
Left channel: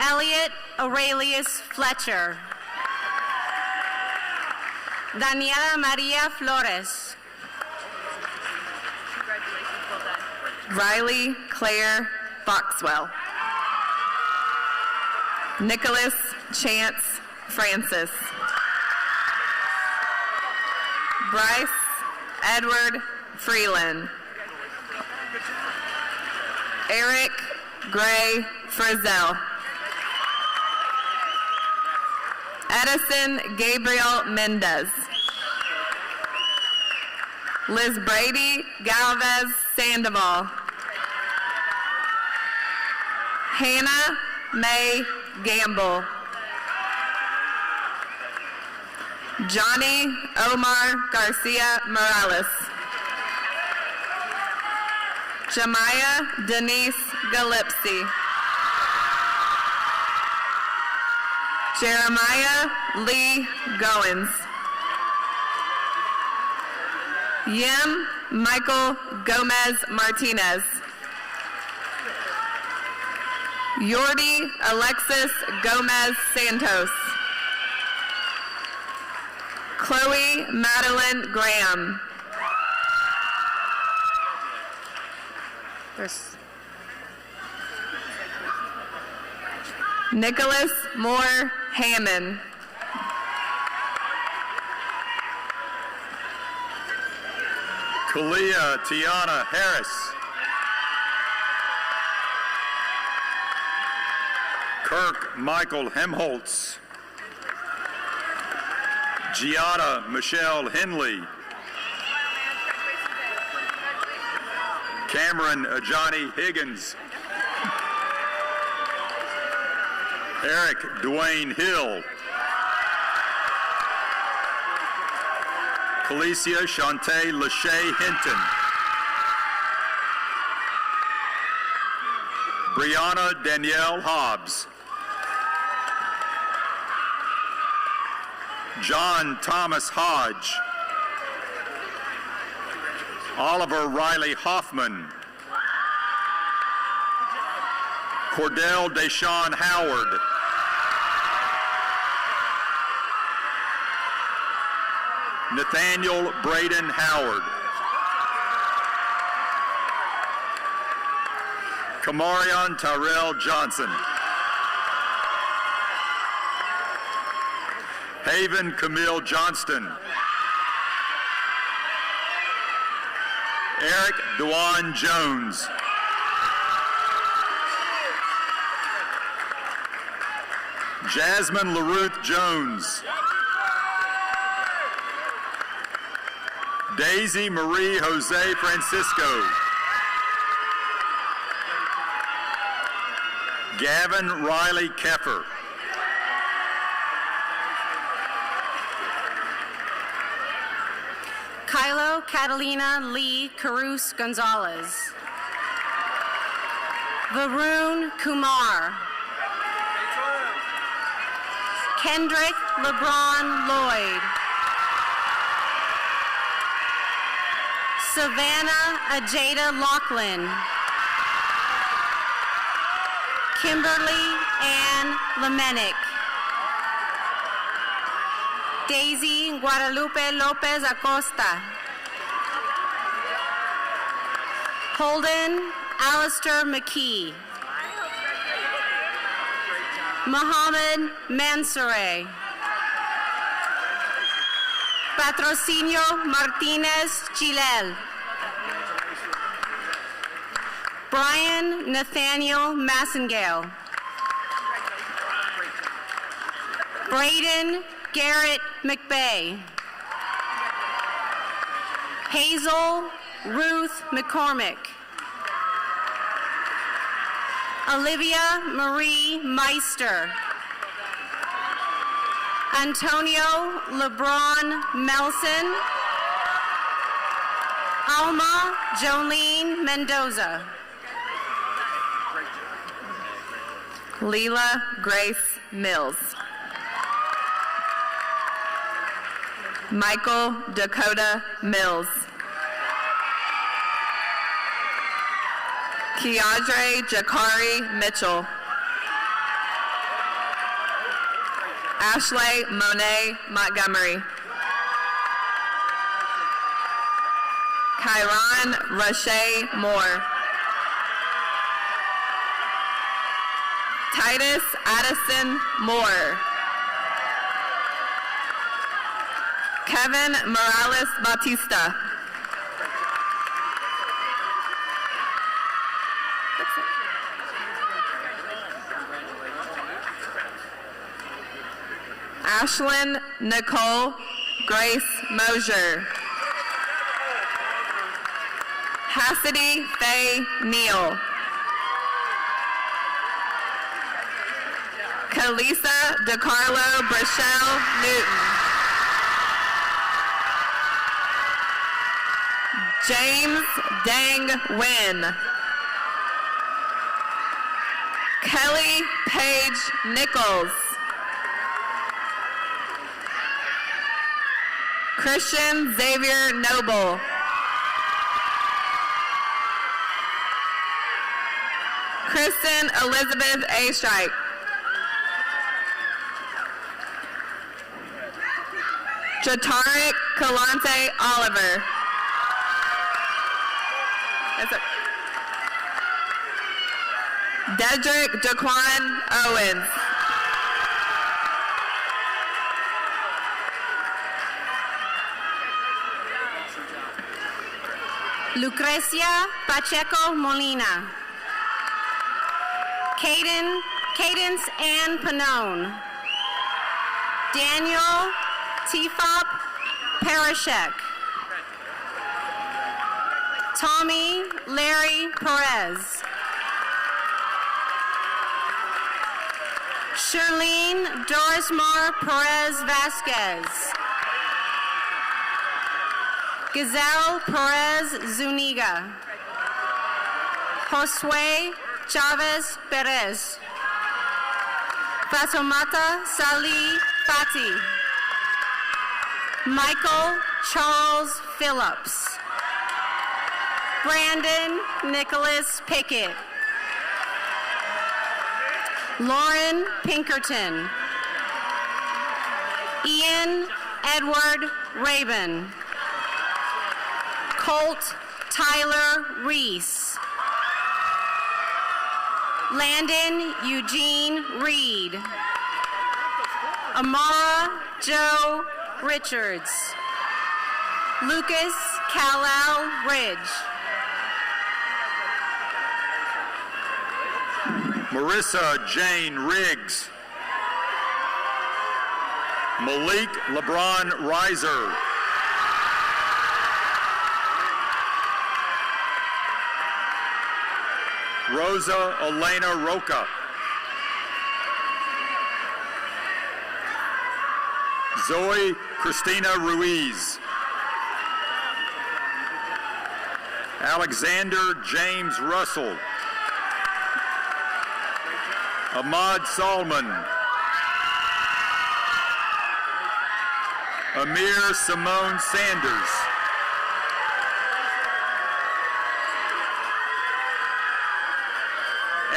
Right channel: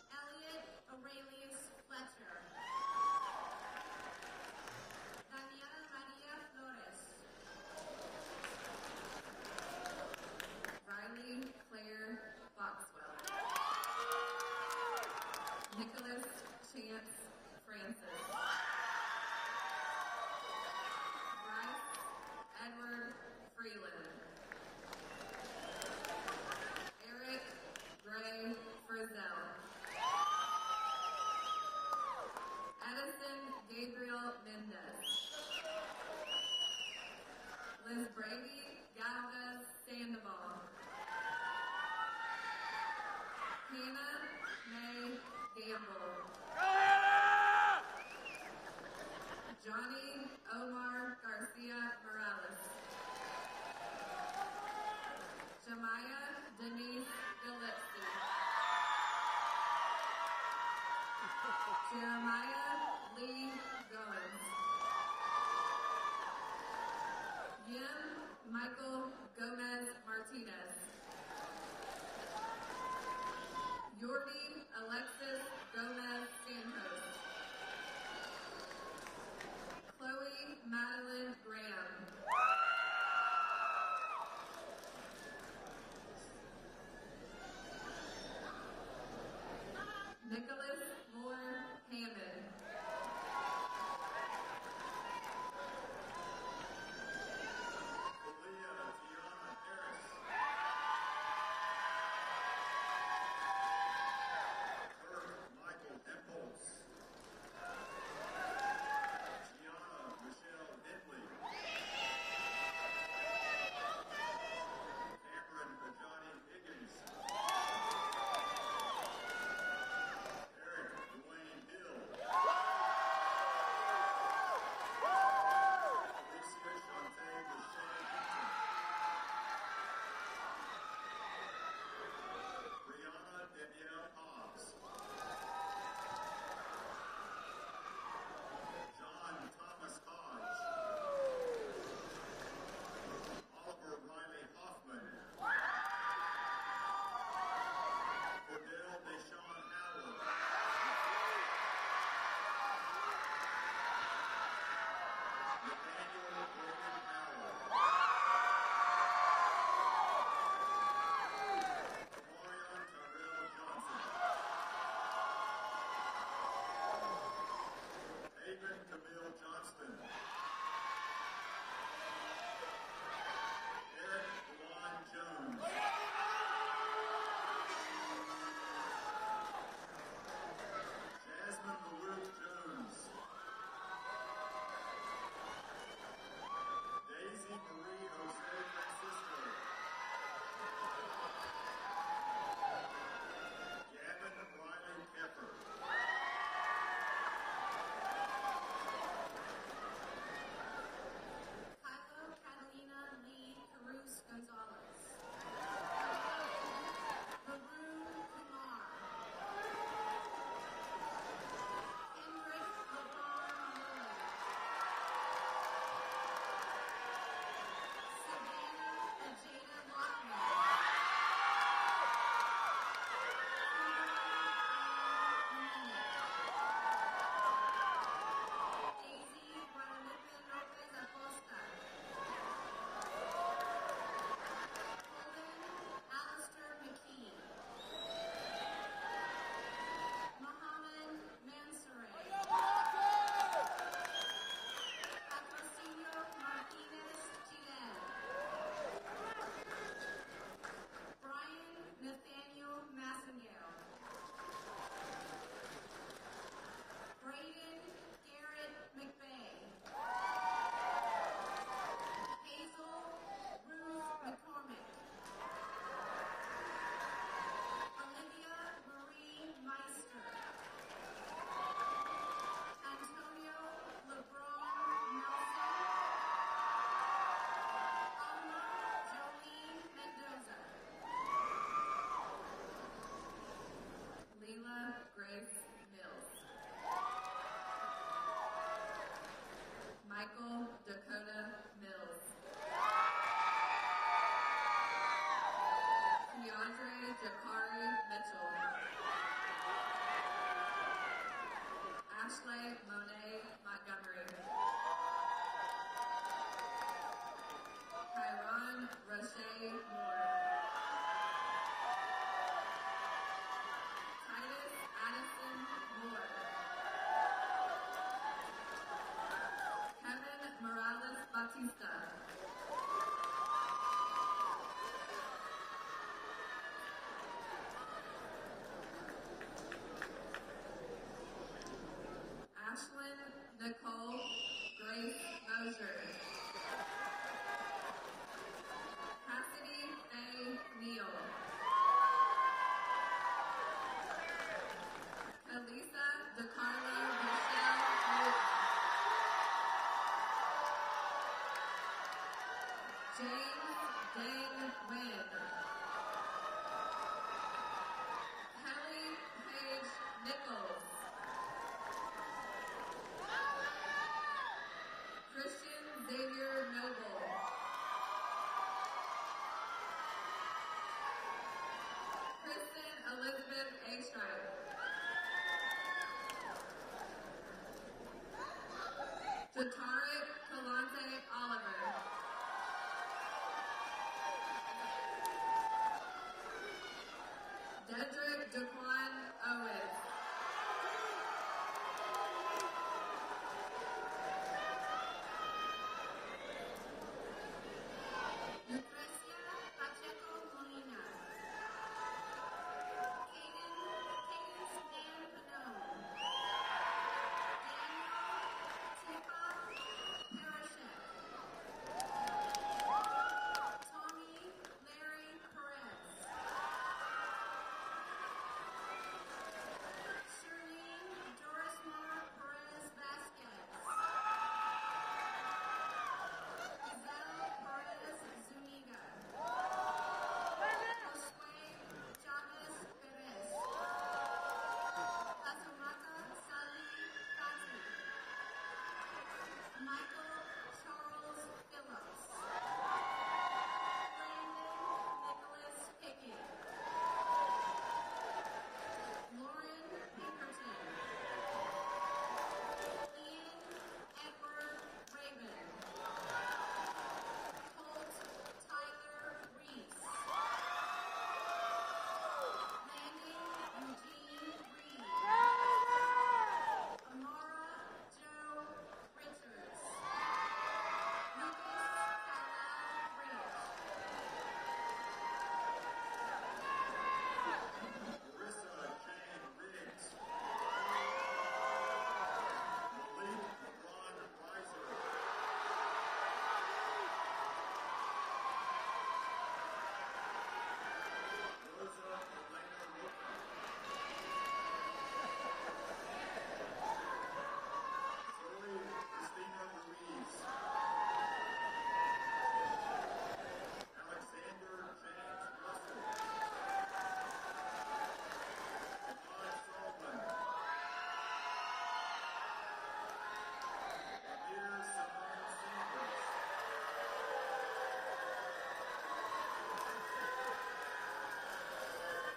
Elliot Aurelius Fletcher. Daniela Maria Flores. Riley Claire Foxwell. Nicholas Chance Francis. Bryce Edward Freeland. Eric Gray Frizzell. Edison Gabriel Mendez. Liz Brady Galvez Sandoval. Hannah May Gamble. Johnny Omar Garcia Morales. Shamaya Denise Galipsy. Jeremiah Lee Goins. Yim Michael Gomez Martinez. Yordi Alexis Gomez Santos. Chloe Madeline Graham. Nicholas Moore Hammond. Kalia Tiana Harris. Kirk Michael Hemholtz. Giada Michelle Henley. Cameron Ajani Higgins. Eric Dwayne Hill. Felicia Shantae Lachey Hinton. Brianna Danielle Hobbs. John Thomas Hodge. Oliver Riley Hoffman. Cordell Deshawn Howard. Nathaniel Braden Howard. Kamarion Tyrell Johnson. Haven Camille Johnston. Eric Dewan Jones. Jasmine LaRuth Jones. Daisy Marie Jose Francisco. Gavin Riley Keffer. Kylo Catalina Lee Caruso Gonzalez. Varun Kumar. Kendrick LeBron Lloyd. Savannah Ajada Lachlan. Kimberly Ann Lemenick. Daisy Guadalupe Lopez Acosta. Holden Alistair McKee. Mohammed Mansoure. Patrocinio Martinez Chilel. Brian Nathaniel Massengale. Braden Garrett McBay. Hazel Ruth McCormick. Olivia Marie Meister. Antonio LeBron Melson. Alma Jolene Mendoza. Leela Grace Mills. Michael Dakota Mills. Keandre Jakari Mitchell. Ashley Monet Montgomery. Kyron Rashay Moore. Titus Addison Moore. Kevin Morales Bautista. Ashlyn Nicole Grace Mosier. Cassidy Faye Neal. Kalisa DeCarlo Brachelle Newton. James Dang Wynn. Kelly Paige Nichols. Christian Xavier Noble. Kristen Elizabeth A. Strike. Jatarik Kalante Oliver. That's it. Dedrick Jaquan Owens. Lucrecia Pacheco Molina. Cadence Ann Panone. Daniel Tifop Parashek. Tommy Larry Perez. Shirlene Dorismar Perez Vasquez. Gazelle Perez Zuniga. Josue Chavez Perez. Fatoumata Salih Fati. Michael Charles Phillips. Brandon Nicholas Pickett. Lauren Pinkerton. Ian Edward Rabin. Colt Tyler Reese. Landon Eugene Reed. Amara Joe Richards. Lucas Kal-El Ridge. Marissa Jane Riggs. Malik LeBron Reiser. Rosa Elena Roca. Zoe Christina Ruiz. Alexander James Russell. Ahmad Salman. Amir Simone Sanders.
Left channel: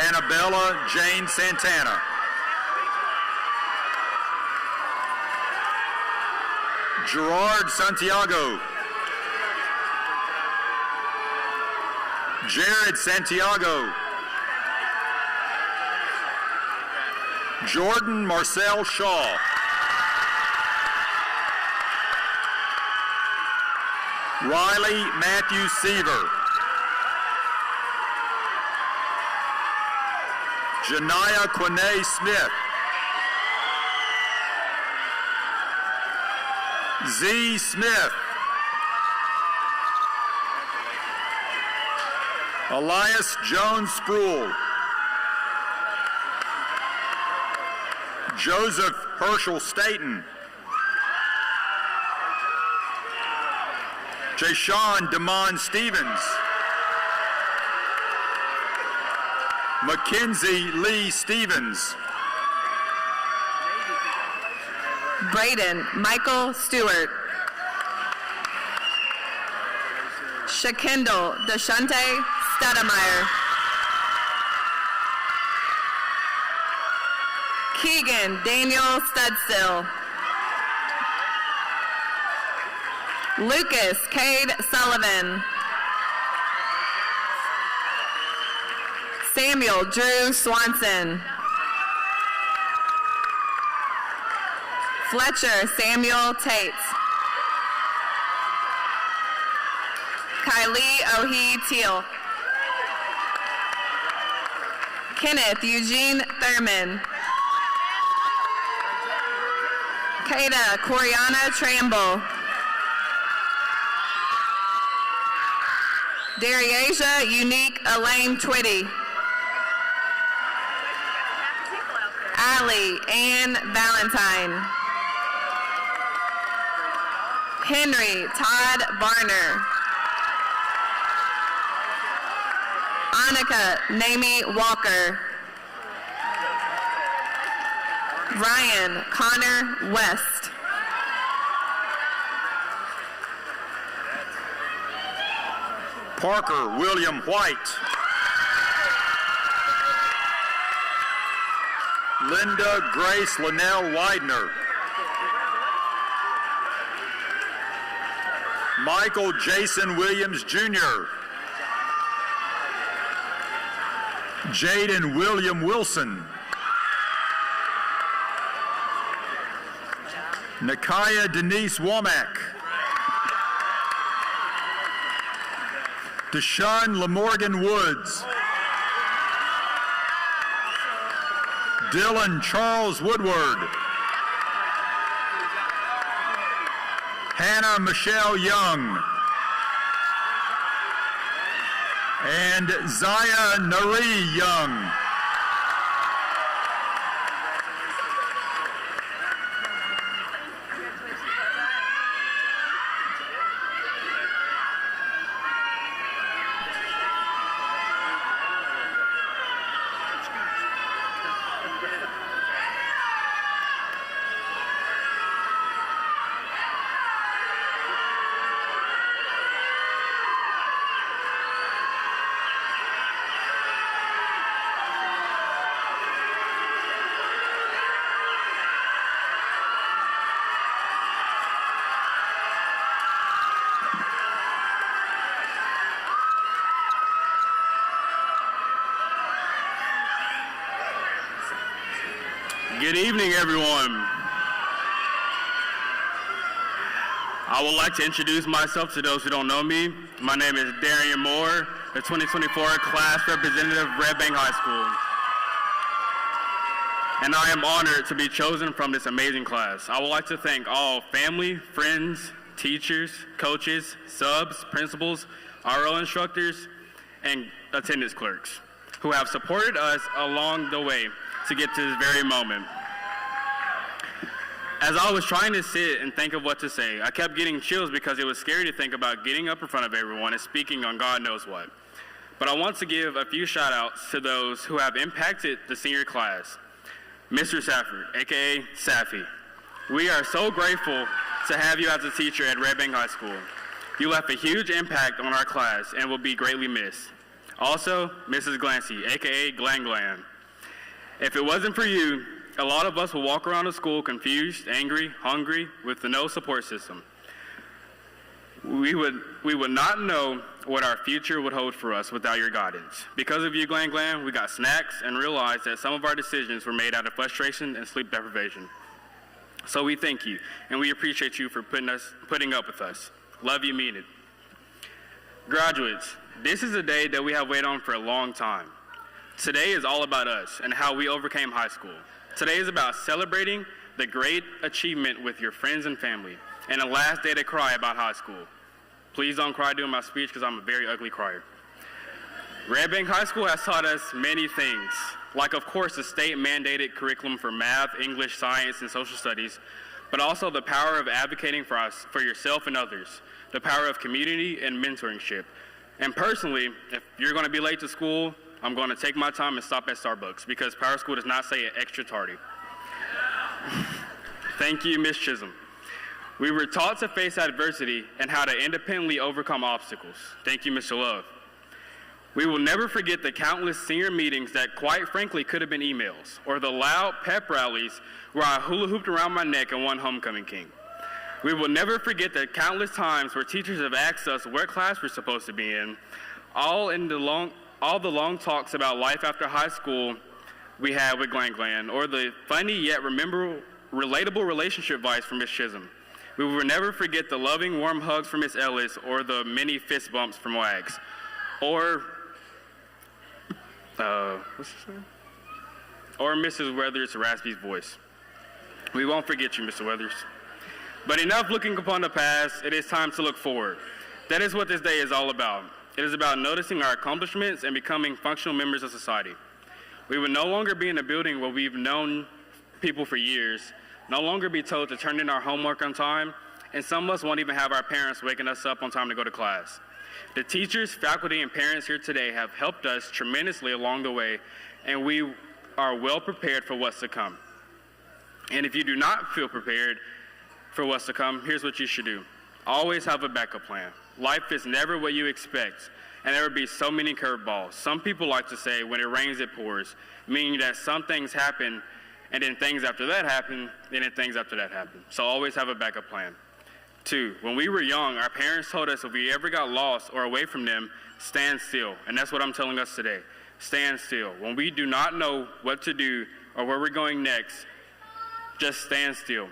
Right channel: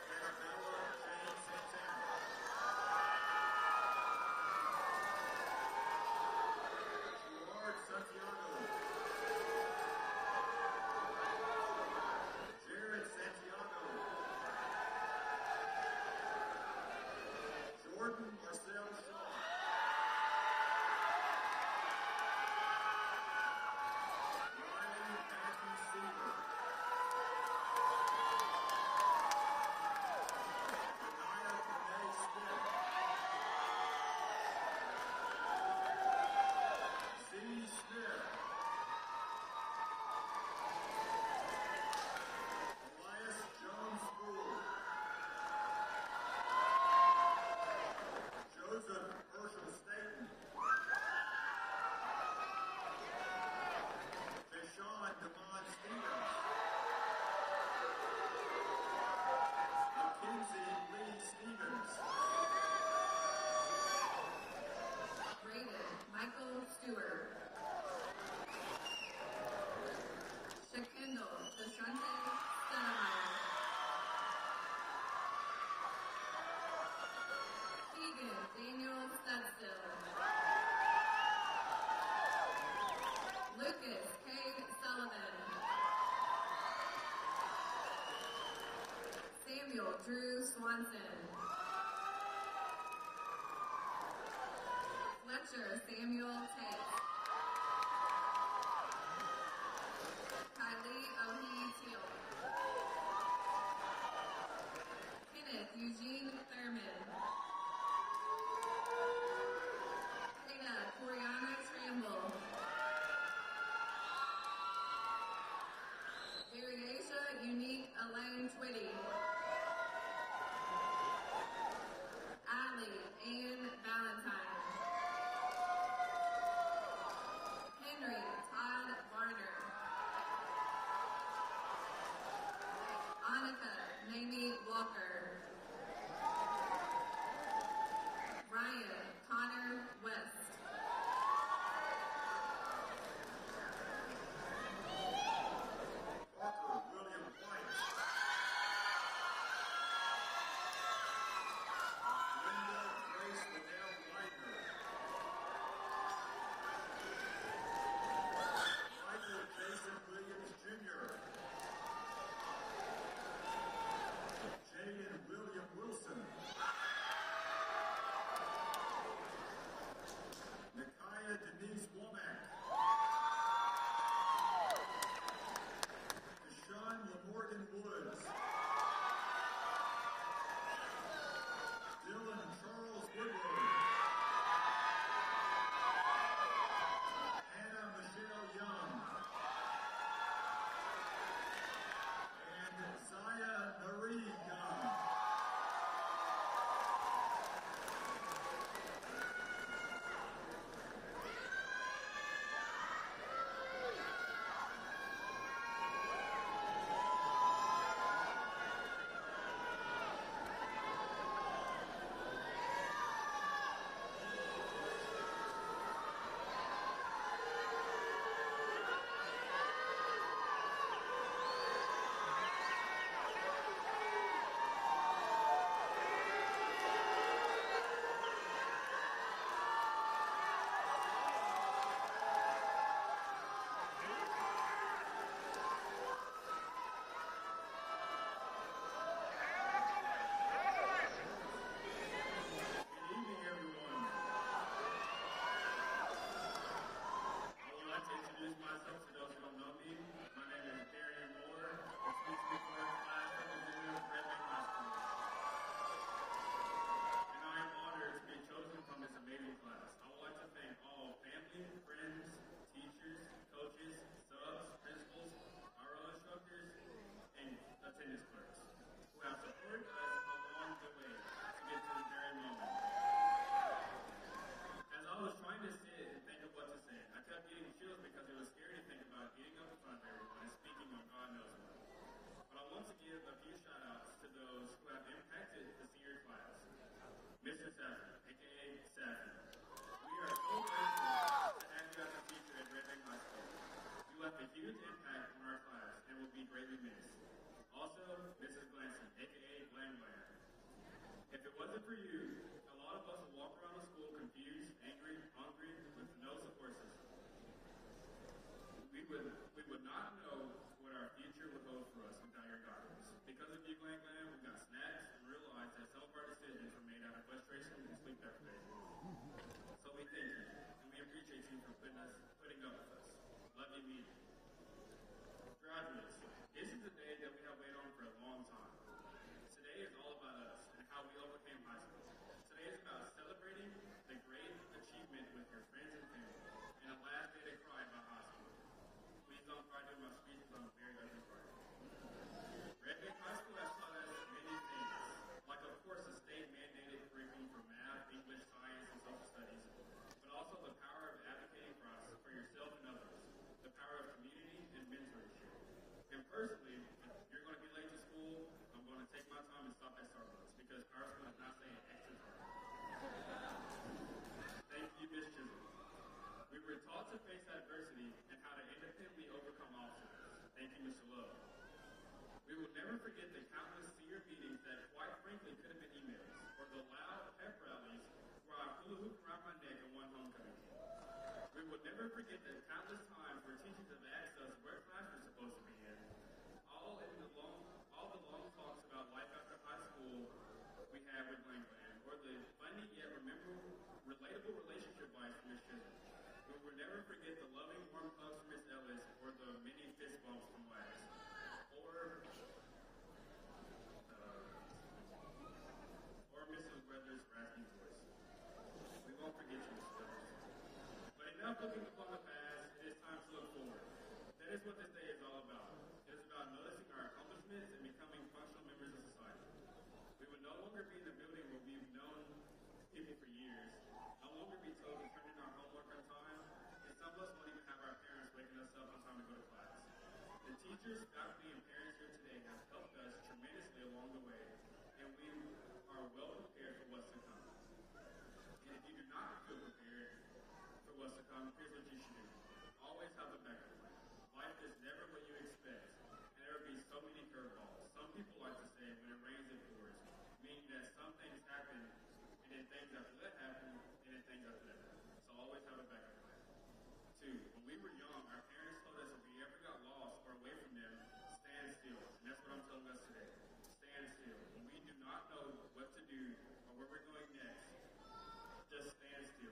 Annabella Jane Santana. Gerard Santiago. Jared Santiago. Jordan Marcel Shaw. Riley Matthew Seaver. Janiyah Quinay Smith. Z. Smith. Elias Jones Sproul. Joseph Herschel Staten. Jashawn Damon Stevens. Mackenzie Lee Stevens. Braden Michael Stewart. Shakindle Deshante Stedemeyer. Keegan Daniel Studstill. Lucas Cade Sullivan. Samuel Drew Swanson. Fletcher Samuel Tate. Kylie Ohi Teal. Kenneth Eugene Thurman. Kada Coriana Tramble. Dariasia Unique Elaine Twitty. Allie Ann Valentine. Henry Todd Barner. Annika Namie Walker. Ryan Connor West. Parker William White. Linda Grace Linnell Widener. Michael Jason Williams Jr. Jaden William Wilson. Nakaya Denise Womack. Deshaun Lamorgan Woods. Dylan Charles Woodward. Hannah Michelle Young. And Zaya Nari Young. Good evening, everyone. I would like to introduce myself to those who don't know me. My name is Darian Moore, the 2024 class representative of Red Bank High School. And I am honored to be chosen from this amazing class. I would like to thank all family, friends, teachers, coaches, subs, principals, RO instructors, and attendance clerks who have supported us along the way to get to this very moment. As I was trying to sit and think of what to say, I kept getting chills because it was scary to think about getting up in front of everyone and speaking on God knows what. But I want to give a few shout outs to those who have impacted the senior class. Mr. Safford, AKA Safi. We are so grateful to have you as a teacher at Red Bank High School. You left a huge impact on our class and will be greatly missed. Also, Mrs. Glancy, AKA Glan Glan. If it wasn't for you, a lot of us will walk around the school confused, angry, hungry, with no support system. We would not know what our future would hold for us without your guidance. Because of you, Glan Glan, we got snacks and realized that some of our decisions were made out of frustration and sleep deprivation. So we thank you, and we appreciate you for putting up with us. Love you, mean it. Graduates, this is a day that we have waited on for a long time. Today is all about us and how we overcame high school. Today is about celebrating the great achievement with your friends and family, and the last day to cry about high school. Please don't cry during my speech because I'm a very ugly crier. Red Bank High School has taught us many things, like of course the state-mandated curriculum for math, English, science, and social studies, but also the power of advocating for yourself and others, the power of community and mentorship. And personally, if you're going to be late to school, I'm going to take my time and stop at Starbucks because Power School does not say it extra tardy. Thank you, Ms. Chisholm. We were taught to face adversity and how to independently overcome obstacles. Thank you, Mr. Love. We will never forget the countless senior meetings that quite frankly could have been emails, or the loud pep rallies where I hula hooped around my neck and won Homecoming King. We will never forget the countless times where teachers have asked us what class we're supposed to be in, all the long talks about life after high school we had with Glan Glan, or the funny yet relatable relationship advice from Ms. Chisholm. We will never forget the loving, warm hugs from Ms. Ellis, or the many fist bumps from Wags, or what's his name? Or Mrs. Weathers' raspy voice. We won't forget you, Mr. Weathers. But enough looking upon the past, it is time to look forward. That is what this day is all about. It is about noticing our accomplishments and becoming functional members of society. We will no longer be in a building where we've known people for years, no longer be told to turn in our homework on time, and some of us won't even have our parents waking us up on time to go to class. The teachers, faculty, and parents here today have helped us tremendously along the way, and we are well prepared for what's to come. And if you do not feel prepared for what's to come, here's what you should do. Always have a backup plan. Life is never what you expect, and there will be so many curveballs. Some people like to say, when it rains, it pours, meaning that some things happen, and then things after that happen, and then things after that happen. So always have a backup plan. 2, when we were young, our parents told us if we ever got lost or away from them, stand still. And that's what I'm telling us today. Stand still. When we do not know what to do or where we're going next, just stand still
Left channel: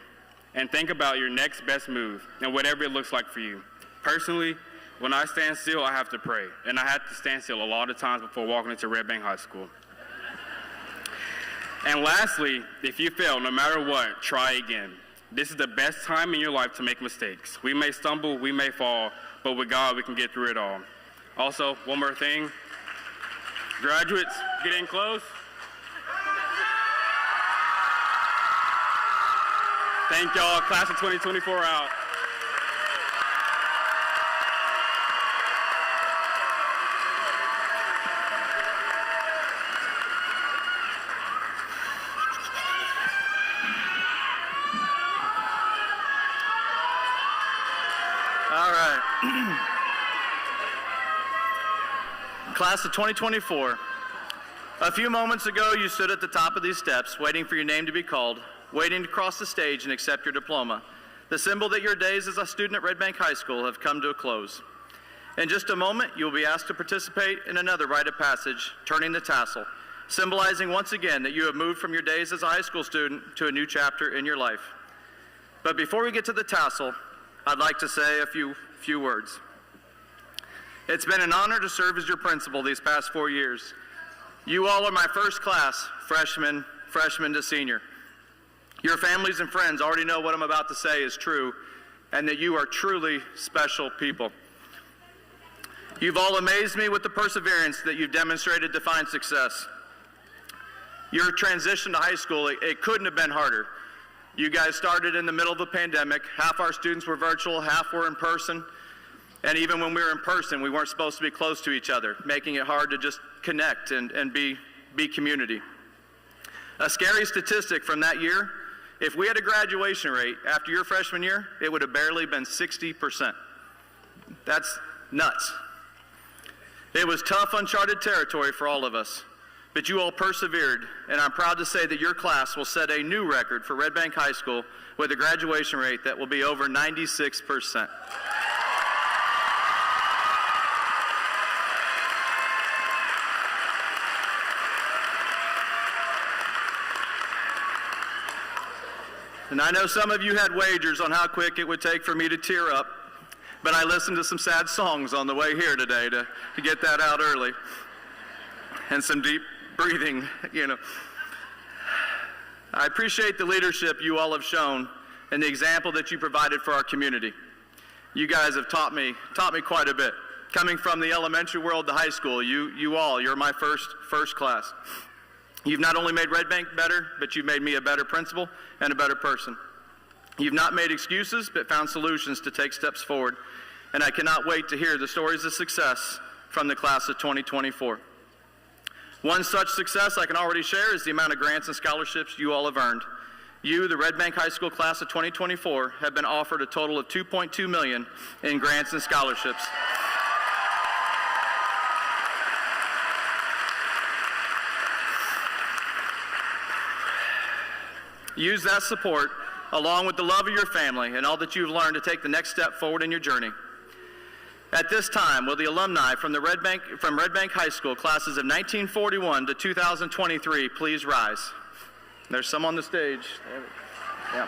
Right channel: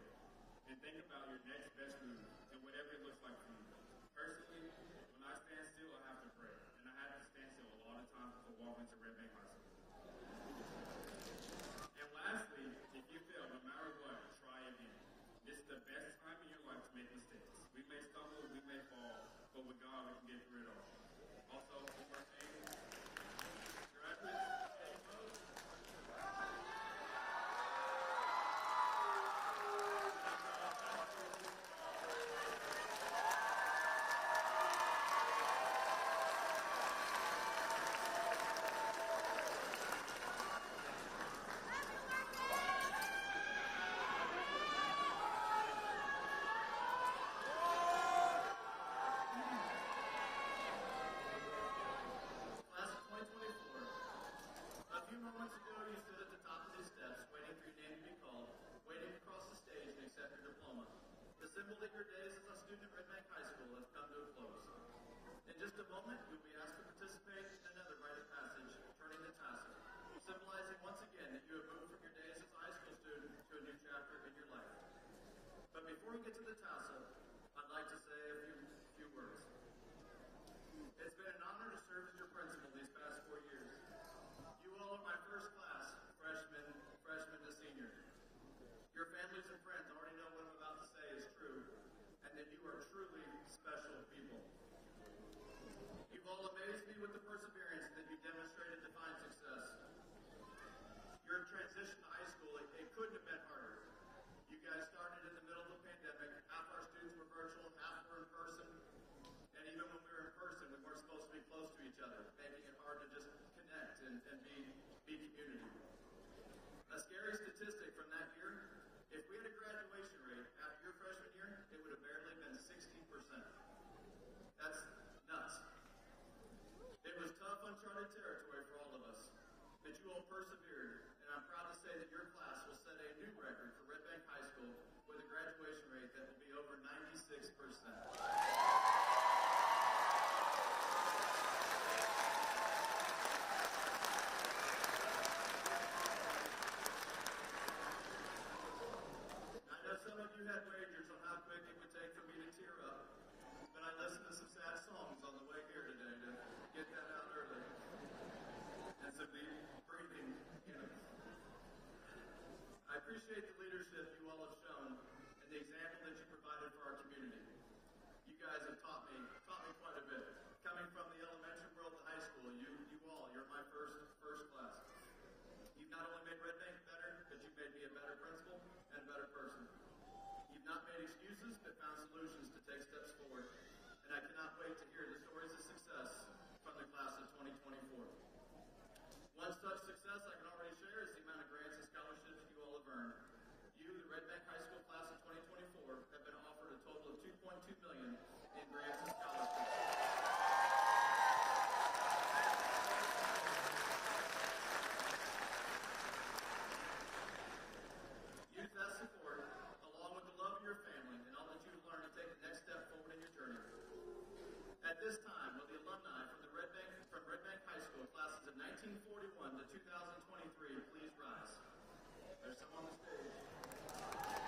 and think about your next best move and whatever it looks like for you. Personally, when I stand still, I have to pray. And I had to stand still a lot of times before walking into Red Bank High School. And lastly, if you fail, no matter what, try again. This is the best time in your life to make mistakes. We may stumble, we may fall, but with God, we can get through it all. Also, one more thing. Graduates, get in close. Thank y'all. Class of 2024 out. All right. Class of 2024. A few moments ago, you stood at the top of these steps, waiting for your name to be called, waiting to cross the stage and accept your diploma, the symbol that your days as a student at Red Bank High School have come to a close. In just a moment, you will be asked to participate in another rite of passage, turning the tassel, symbolizing once again that you have moved from your days as a high school student to a new chapter in your life. But before we get to the tassel, I'd like to say a few words. It's been an honor to serve as your principal these past 4 years. You all are my first class, freshman to senior. Your families and friends already know what I'm about to say is true, and that you are truly special people. You've all amazed me with the perseverance that you've demonstrated to find success. Your transition to high school, it couldn't have been harder. You guys started in the middle of a pandemic. Half our students were virtual, half were in person. And even when we were in person, we weren't supposed to be close to each other, making it hard to just connect and be community. A scary statistic from that year, if we had a graduation rate after your freshman year, it would have barely been 60%. That's nuts. It was tough, uncharted territory for all of us, but you all persevered, and I'm proud to say that your class will set a new record for Red Bank High School with a graduation rate that will be over 96%. And I know some of you had wagers on how quick it would take for me to tear up, but I listened to some sad songs on the way here today to get that out early. And some deep breathing, I appreciate the leadership you all have shown and the example that you provided for our community. You guys have taught me quite a bit. Coming from the elementary world to high school, you're my first class. You've not only made Red Bank better, but you've made me a better principal and a better person. You've not made excuses, but found solutions to take steps forward. And I cannot wait to hear the stories of success from the class of 2024. One such success I can already share is the amount of grants and scholarships you all have earned. You, the Red Bank High School class of 2024, have been offered a total of $2.2 million in grants and scholarships. Use that support, along with the love of your family and all that you've learned, to take the next step forward in your journey. At this time, will the alumni from Red Bank High School classes of 1941 to 2023 please rise? There's some on the stage. Yeah.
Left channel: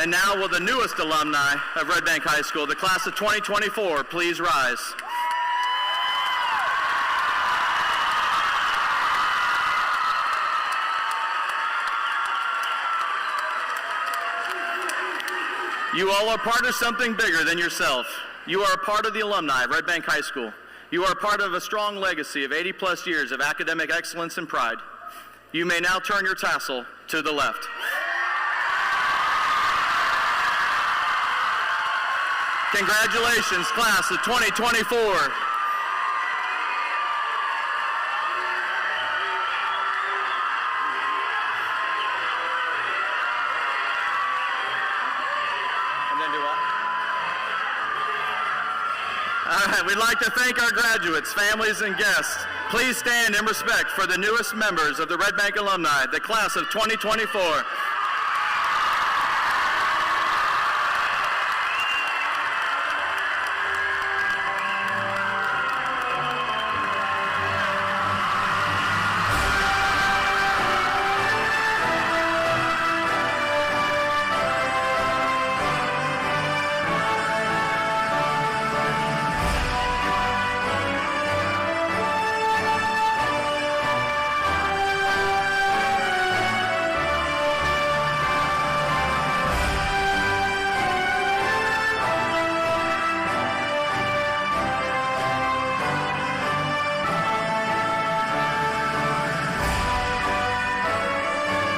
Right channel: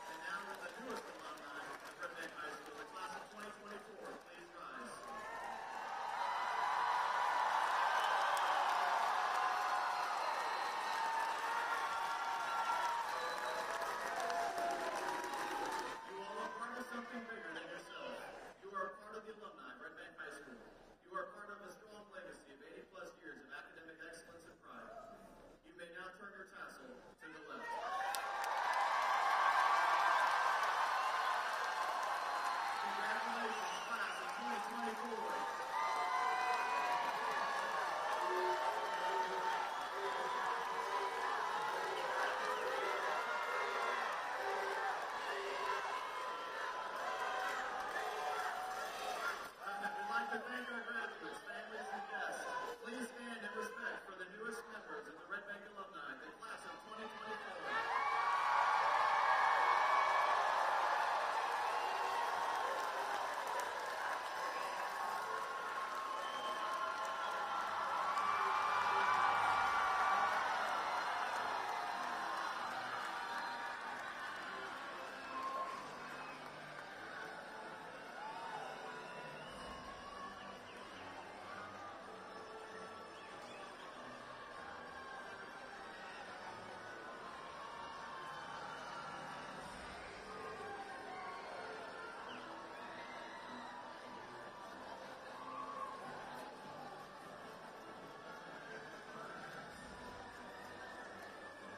And now will the newest alumni of Red Bank High School, the class of 2024, please rise? You all are part of something bigger than yourself. You are a part of the alumni of Red Bank High School. You are a part of a strong legacy of 80-plus years of academic excellence and pride. You may now turn your tassel to the left. Congratulations, class of 2024. right, we'd like to thank our graduates, families, and guests. Please stand in respect for the newest members of the Red Bank alumni, the class of 2024.